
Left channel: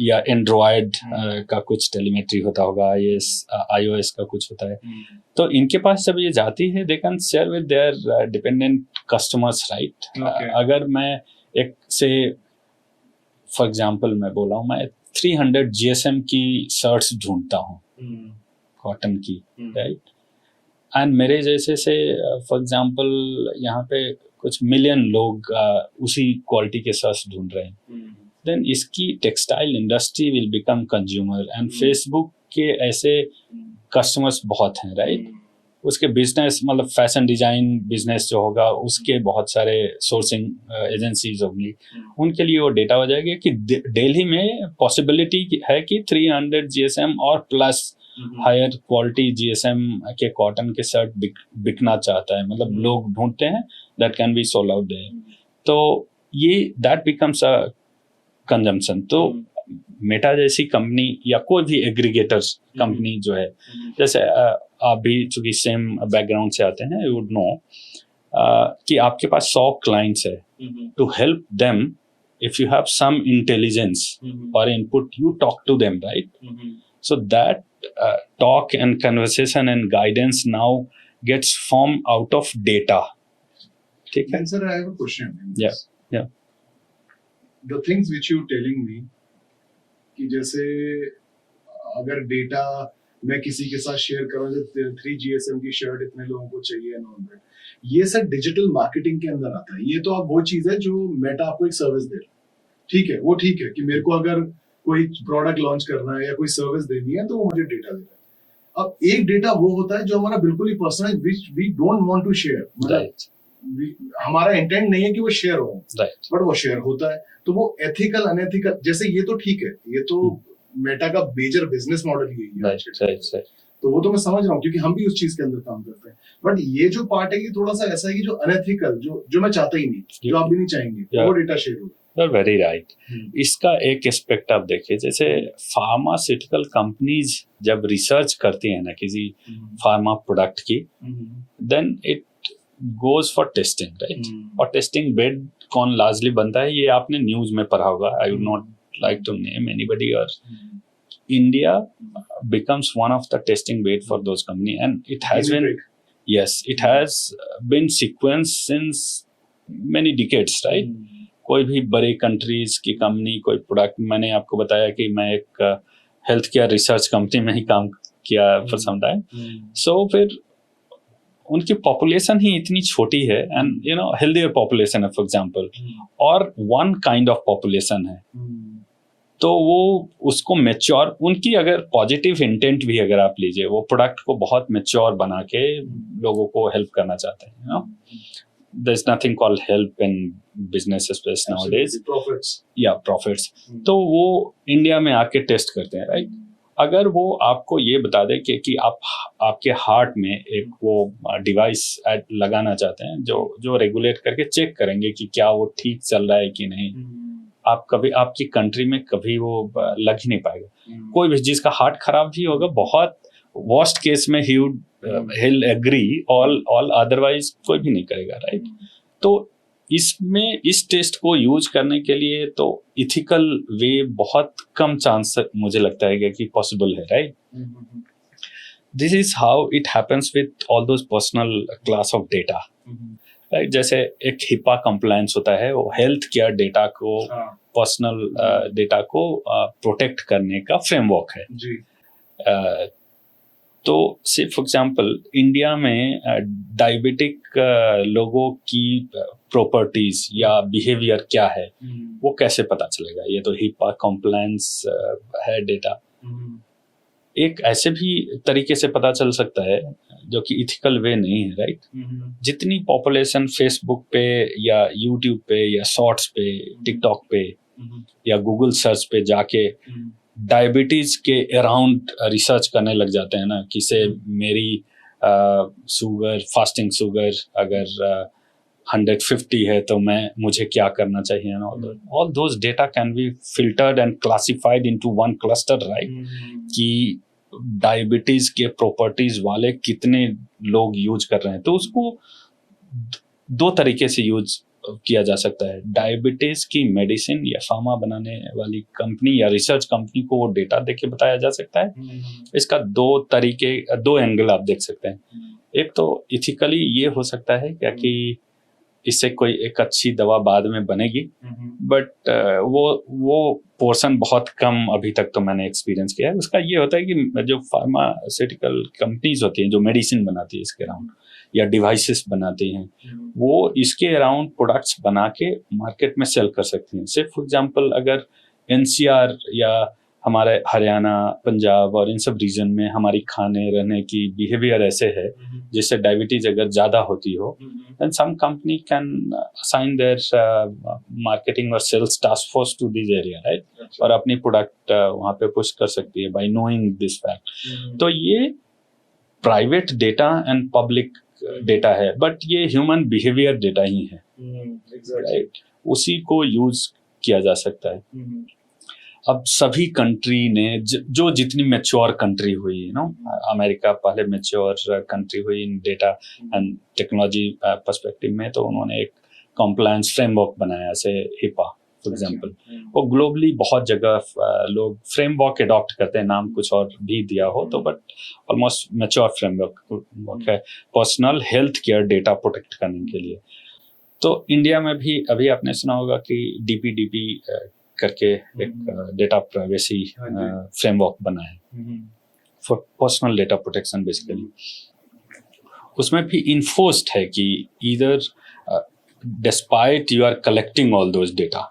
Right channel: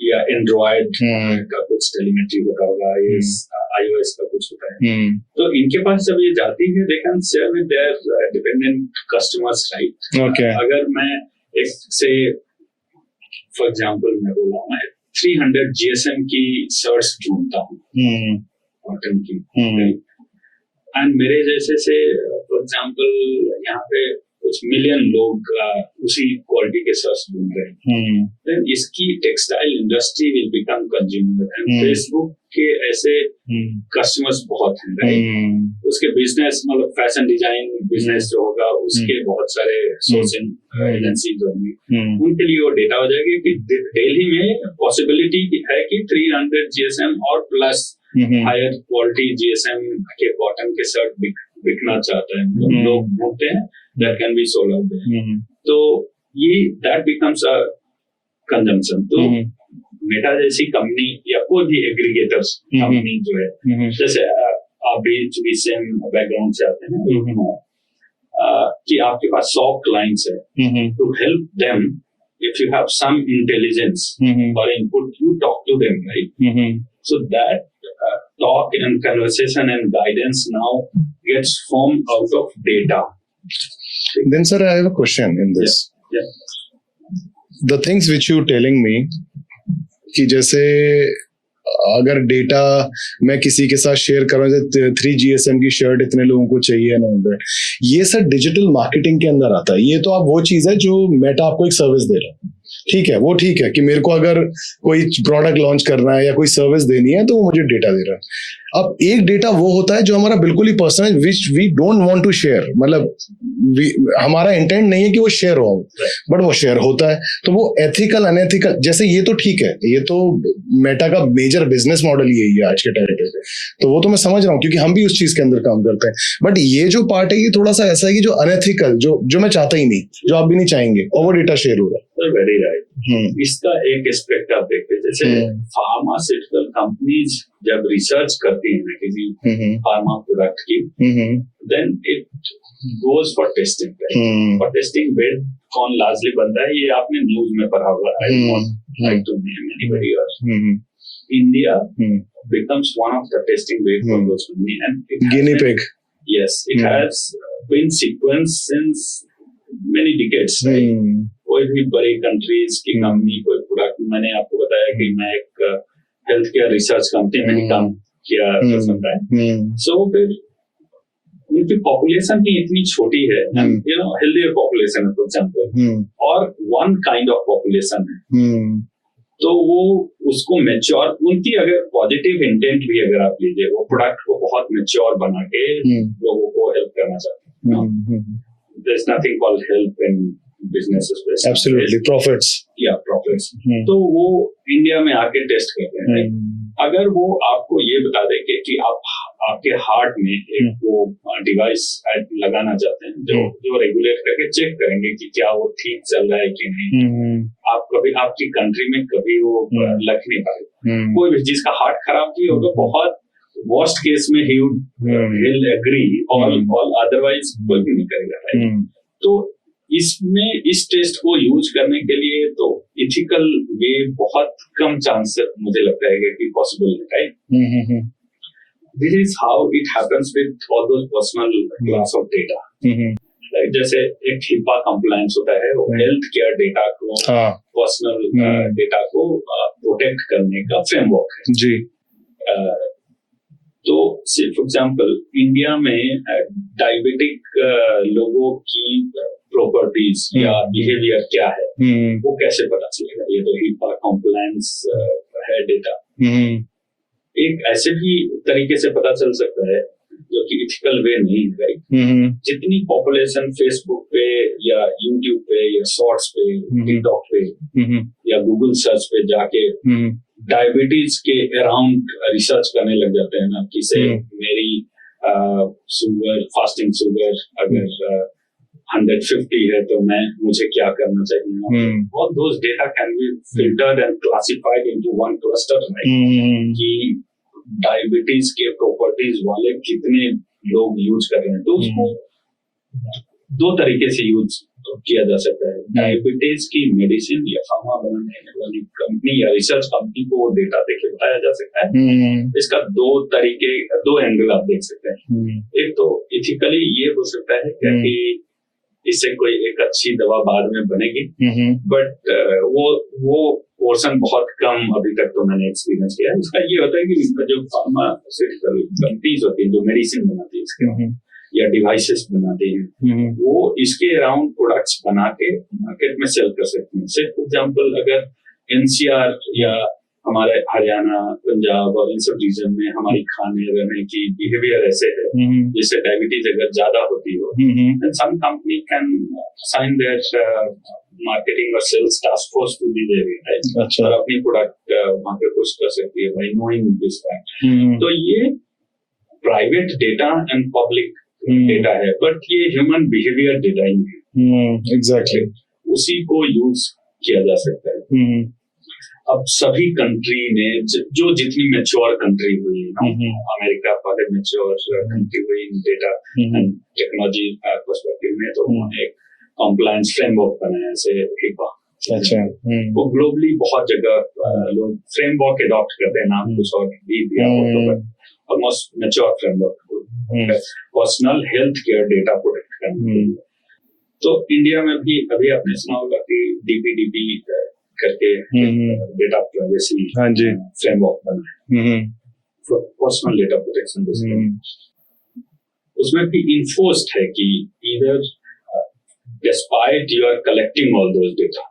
या एंड्रॉयड का कुछ टेलीमेट्री होता होगा, ये iOS का कुछ होता है। तो इनके पास जब ये जाती है, they can share with their dependent customers, right? अगर मैं एक से फॉर एग्जांपल मैं बोला हूँ, मैं 300 GSM की शर्ट्स ढूंढता हूँ कॉटन की, राइट? एंड मेरे जैसे से फॉर एग्जांपल यहाँ पे कुछ मिलियन लोग उसी क्वालिटी के शर्ट्स ढूंढ रहे हैं, देन इसकी textile industry will become consumer, and Facebook के ऐसे कस्टमर्स बहुत हैं, राइट? उसके बिजनेस, मतलब फैशन डिजाइन बिजनेस जो होगा, उसके बहुत सारे सोर्सिंग एजेंसीज होंगी, उनके लिए वो डेटा हो जाएगी कि दिल्ली में पॉसिबिलिटी है कि 300 GSM और प्लस हायर क्वालिटी GSM के कॉटन के शर्ट बिकना चाहता है, मतलब लोग ढूंढते हैं, that can be sold out there. तो ये that becomes a consumption. तो मेटा जैसी कंपनी या कोई भी एग्रीगेटर्स कंपनी जो है, जैसे आप भी चूंकि सेम बैकग्राउंड से आते हैं, यू नो कि आपके पास 100 क्लाइंट्स है, to help them, if you have some intelligence or input, you talk to them, right? So that talk and conversation and guidance now gets formed out of data. Then sir, I have a question in this. Yeah. The things which you telling me कि जैसे अगर data मैं किसी के साथ share करूँ, 3GSM की shirt इतने लोगों को चाहिए ना, उधर ये सब डिजिटल मार्केटिंग के अंदर आता है। ये तो आप वो चीज है जो मेटा आपको एक सर्विस दे रहा है, ठीक है, वो ठीक है कि मेरे को अगर कोई प्रोडक्ट लॉन्च करना है या कोई सर्विस देनी है तो वो मुझे डेटा दे रहा है। अब एक डेटा वो होता है जो हमारा बिल्कुल ही personal, which we don't want to share, मतलब हमारा इंटेंट नहीं है कि वो शेयर हो, बट वो शेयर होता है। तो वो एथिकल अनएथिकल, जैसे ये तो ठीक है, ये तो मेटा का मेजर बिजनेस मॉडल यही है आज के टाइम पे, तो वो तो मैं समझ रहा हूँ क्योंकि हम भी उस चीज के अंदर काम करते हैं। बट ये जो पार्ट है ये थोड़ा सा ऐसा है कि जो अनएथिकल, जो मैं चाहता ही नहीं, जो आप भी नहीं चाहेंगे, और वो डेटा शेयर हो रहा है। Very right. इसका एक एस्पेक्ट आप देखिए, जैसे फार्मास्यूटिकल कंपनीज जब रिसर्च करती है ना किसी फार्मा प्रोडक्ट की, then it goes for testing, right? और टेस्टिंग बेड कौन लार्जली बनता है, ये आपने न्यूज में पढ़ा होगा। I not like to name anybody, और India becomes one of the testing bed for those company, and it has been, yes, it has been sequenced since many decades, right? कोई भी बड़ी कंट्रीज की company कोई product, मैंने आपको बताया कि मैं एक हेल्थ केयर रिसर्च कंपनी में ही काम किया फॉर सम टाइम। सो फिर उनकी पॉपुलेशन ही इतनी छोटी है, and you know healthier population है फॉर एग्जांपल, और वन काइंड ऑफ पॉपुलेशन है, तो वो उसको मैच्योर, उनकी अगर पॉजिटिव इंटेंट भी अगर आप लीजिए, वो प्रोडक्ट को बहुत मैच्योर बना के लोगों को हेल्प करना चाहते हैं। There's nothing called help in business space. Absolutely, profits. Yeah, profits. तो वो इंडिया में आके टेस्ट करते हैं, राइट? अगर वो आपको ये बता दे कि आप आपके हार्ट में एक वो डिवाइस लगाना चाहते हैं जो रेगुलेट करके चेक करेंगे कि क्या वो ठीक चल रहा है कि नहीं, आप कभी आपकी कंट्री में कभी वो लग ही नहीं पाएगा। कोई भी जिसका हार्ट खराब भी होगा, बहुत वर्स्ट केस में he'll agree, all otherwise कोई भी नहीं करेगा, राइट? तो इसमें इस टेस्ट को यूज करने के लिए तो इथिकल वे बहुत कम चांस मुझे लगता है कि पॉसिबल है, right? This is how it happens with all those personal class of data, right? जैसे एक हिपा कंप्लायंस होता है, वो हेल्थ केयर डेटा को, पर्सनल डेटा को प्रोटेक्ट करने का फ्रेमवर्क है जी। तो सिर्फ फॉर एग्जांपल इंडिया में डायबिटिक लोगों की प्रॉपर्टीज या बिहेवियर क्या है, वो कैसे पता चलेगा? ये तो हिपा कॉम्प्लायंस है डेटा। एक ऐसे भी तरीके से पता चल सकता है जो कि इथिकल वे नहीं है, राइट? जितनी पॉपुलेशन फेसबुक पे या यूट्यूब पे या शॉर्ट्स पे, टिकटॉक पे या गूगल सर्च पे जाके डायबिटीज के अराउंड रिसर्च करने लग जाते हैं ना, कि से मेरी शुगर, फास्टिंग शुगर अगर 150 है तो मुझे क्या करना चाहिए ना? All those data can be filtered and classified into one cluster, right? कि डायबिटीज के प्रॉपर्टीज वाले कितने लोग यूज कर रहे हैं। तो उसको दो तरीके से यूज किया जा सकता है। डायबिटीज की मेडिसिन या फार्मा बनाने वाली कंपनी या रिसर्च कंपनी को वो डेटा देके बताया जा सकता है। इसका दो एंगल आप देख सकते हैं। एक तो इथिकली ये हो सकता है क्या कि इससे कोई एक अच्छी दवा बाद में बनेगी, बट वो पोर्शन बहुत कम अभी तक तो मैंने एक्सपीरियंस किया है। उसका ये होता है कि जो फार्मास्यूटिकल कंपनीज होती हैं जो मेडिसिन बनाती है इसके अराउंड या डिवाइसेस बनाती हैं, वो इसके अराउंड प्रोडक्ट्स बना के मार्केट में सेल कर सकती हैं। सिर्फ फॉर एग्जांपल अगर एनसीआर या हमारे हरियाणा, पंजाब और इन सब रीजन में हमारी खाने रहने की बिहेवियर ऐसे है जिससे डायबिटीज अगर ज्यादा होती हो, then some company can assign their marketing or sales task force to this area, right? अच्छा। और अपनी प्रोडक्ट वहां पे पुश कर सकती है by knowing this fact। तो ये private data and public data है, बट ये ह्यूमन बिहेवियर डेटा ही है। एग्जैक्टली उसी को यूज किया जा सकता है। अब सभी कंट्री ने जो जितनी मैच्योर कंट्री हुई ना, अमेरिका पहले मैच्योर कंट्री हुई इन डेटा एंड टेक्नोलॉजी पर्सपेक्टिव में, तो उन्होंने एक कॉम्प्लायंस फ्रेमवर्क बनाया जैसे हिपा फॉर एग्जांपल। वो ग्लोबली बहुत जगह लोग फ्रेमवर्क अडॉप्ट करते हैं, नाम कुछ और भी दिया हो तो, बट ऑलमोस्ट मैच्योर फ्रेमवर्क है personal health care data protect करने के लिए। तो इंडिया में भी अभी आपने सुना होगा कि DPDP करके डेटा प्राइवेसी फ्रेमवर्क बना है for personal data protection basically. उसमें भी इन्फोर्स्ड है कि either despite you are collecting all those data,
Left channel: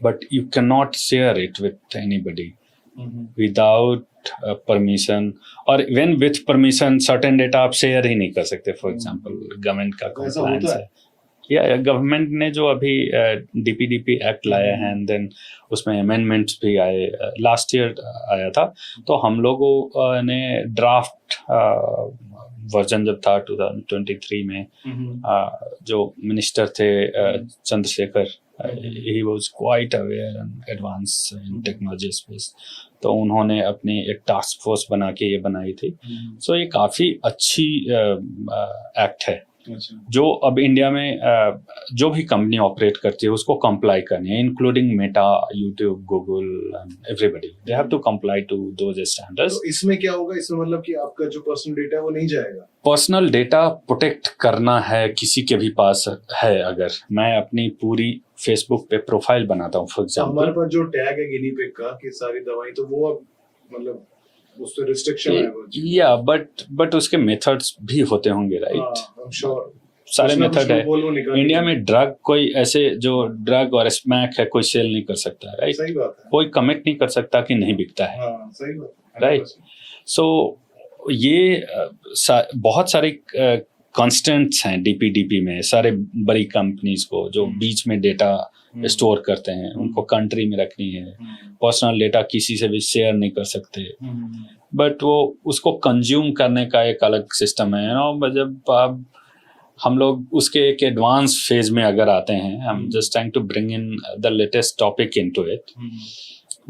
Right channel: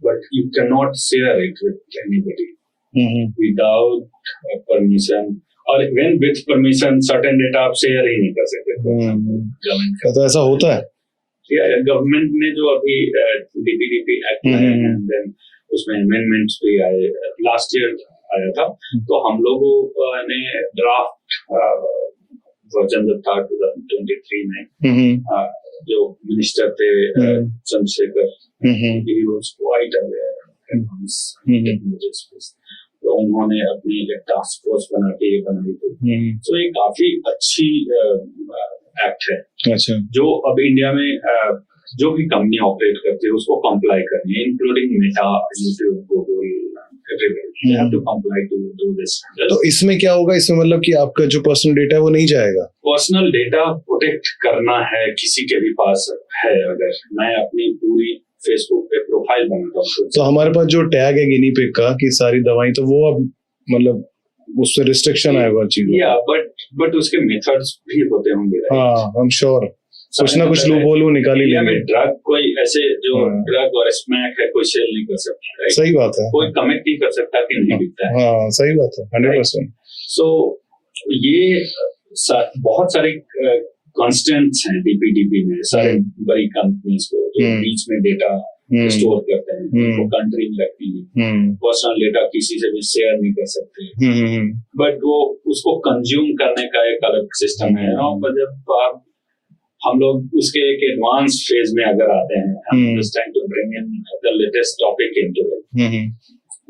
but you cannot share it with anybody without permission, or when with permission certain data आप share ही नहीं कर सकते। फॉर एग्जांपल गवर्नमेंट का तो ऐसा होता है या गवर्नमेंट ने जो अभी DPDP एक्ट लाया है एंड देन उसमें अमेंडमेंट्स भी आए, लास्ट ईयर आया था। तो हम लोगों ने ड्राफ्ट वर्जन जब था 2023 में जो मिनिस्टर थे Chandrashekhar, he was quite aware and advance technology space, तो उन्होंने अपनी एक टास्क फोर्स बना के ये बनाई थी। सो ये काफी अच्छी एक्ट है। अच्छा। जो अब इंडिया में जो भी कंपनी ऑपरेट करती है उसको कंप्लाई करनी है, including Meta, YouTube, Google, everybody they have to comply to those standards. तो इसमें क्या होगा? इसमें मतलब कि आपका जो पर्सनल डेटा है वो नहीं जाएगा? पर्सनल डेटा प्रोटेक्ट करना है किसी के भी पास है। अगर मैं अपनी पूरी फेसबुक पे प्रोफाइल बनाता हूँ तो हमारे पास जो टैग है गिनी पिग का कि सारी दवाई, तो वो अब मतलब उससे रिस्ट्रिक्शन आएगा चीज। या बट उसके मेथड्स भी होते होंगे, राइट? हाँ, आई एम श्योर कुछ ना कुछ लोग बोलो निकाल इंडिया में ड्रग कोई ऐसे जो ड्रग और स्मैक है कोई सेल नहीं कर सकता है, राइट? सही बात है। कोई कमिट नहीं कर सकता कि नहीं बिकता है। हाँ, सही बात है, 100%। सो ये बहुत सारे कॉन्स्टेंट्स हैं DPDP में। सारे बड़ी कंपनीज को जो बीच में डेटा स्टोर करते हैं उनको कंट्री में रखनी है। पर्सनल डेटा किसी से भी शेयर नहीं कर सकते, बट वो उसको कंज्यूम करने का एक अलग सिस्टम है। जब आप हम लोग उसके एक एडवांस फेज में अगर आते हैं, हम just trying to bring in the latest topic into it.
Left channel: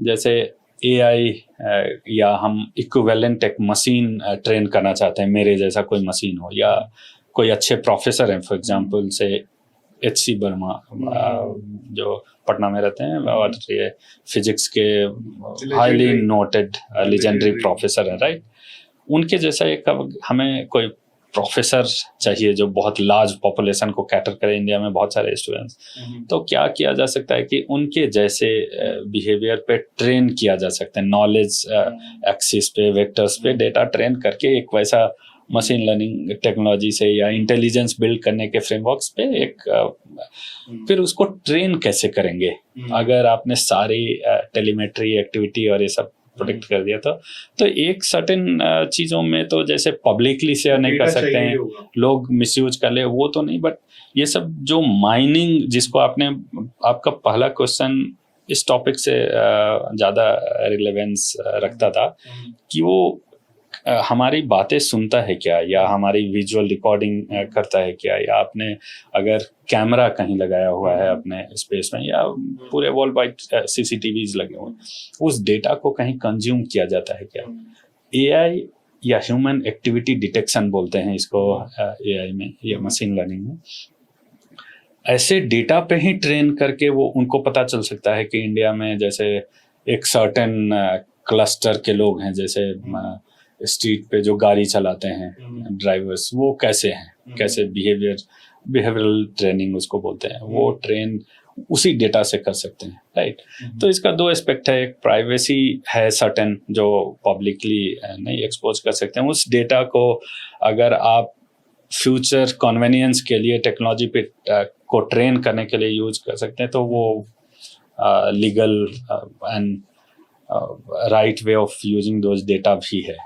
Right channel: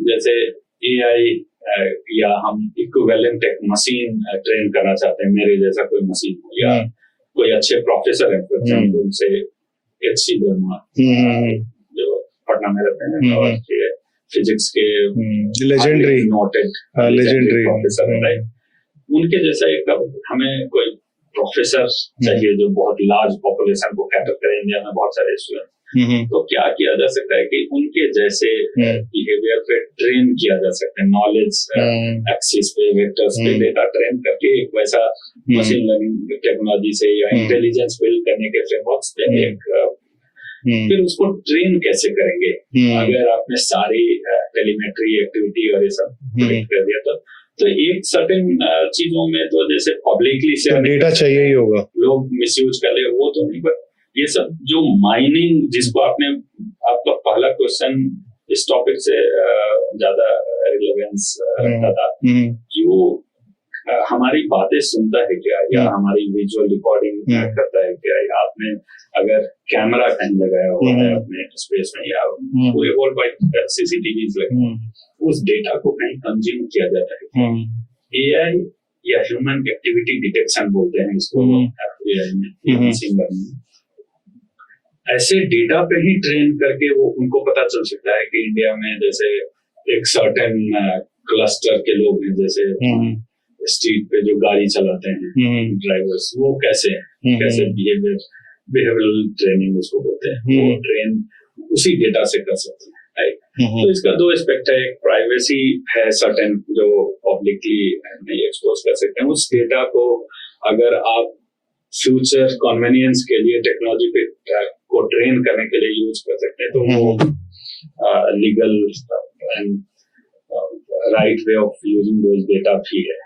जैसे AI या हम इक्विवेलेंट एक मशीन ट्रेन करना चाहते हैं, मेरे जैसा कोई मशीन हो, या कोई अच्छे प्रोफेसर हैं, फॉर एग्जांपल से HC वर्मा जो पटना में रहते हैं और ये फिजिक्स के हाईली नोटेड लेजेंडरी प्रोफेसर है, राइट? उनके जैसा एक हमें कोई प्रोफेसर चाहिए जो बहुत लार्ज पॉपुलेशन को कैटर करे। इंडिया में बहुत सारे स्टूडेंट्स, तो क्या किया जा सकता है कि उनके जैसे बिहेवियर पे ट्रेन किया जा सकता है, नॉलेज एक्सिस पे, वेक्टर्स पे डेटा ट्रेन करके एक वैसा मशीन लर्निंग टेक्नोलॉजी से या इंटेलिजेंस बिल्ड करने के फ्रेमवर्क्स पे एक फिर उसको ट्रेन कैसे करेंगे? अगर आपने सारी टेलीमेट्री एक्टिविटी और ये सब प्रोडिक्ट कर दिया तो एक सर्टेन चीजों में तो जैसे पब्लिकली शेयर नहीं कर सकते हैं, लोग मिसयूज कर ले, वो तो नहीं। बट ये सब जो माइनिंग, जिसको आपका पहला क्वेश्चन इस टॉपिक से ज्यादा रिलेवेंस रखता था कि वो हमारी बातें सुनता है क्या, या हमारी विजुअल रिकॉर्डिंग करता है क्या, या आपने अगर कैमरा कहीं लगाया हुआ है अपने स्पेस में, या पूरे वर्ल्ड वाइड CCTVs लगे हुए, उस डेटा को कहीं कंज्यूम किया जाता है क्या? AI या ह्यूमन एक्टिविटी डिटेक्शन बोलते हैं इसको AI में, ये मशीन लर्निंग में। ऐसे डेटा पे ही ट्रेन करके वो उनको पता चल सकता है कि इंडिया में जैसे एक सर्टेन क्लस्टर के लोग हैं, जैसे स्ट्रीट पे जो गाड़ी चलाते हैं ड्राइवर्स, वो कैसे हैं, कैसे बिहेवियरल ट्रेनिंग उसको बोलते हैं, वो ट्रेन उसी डेटा से कर सकते हैं, राइट? तो इसका दो एस्पेक्ट है, एक प्राइवेसी है सर्टेन जो पब्लिकली नहीं एक्सपोज कर सकते हैं। उस डेटा को अगर आप फ्यूचर कन्वीनियंस के लिए टेक्नोलॉजी पे को ट्रेन करने के लिए यूज कर सकते हैं, तो वो legal and right way of using those data भी है।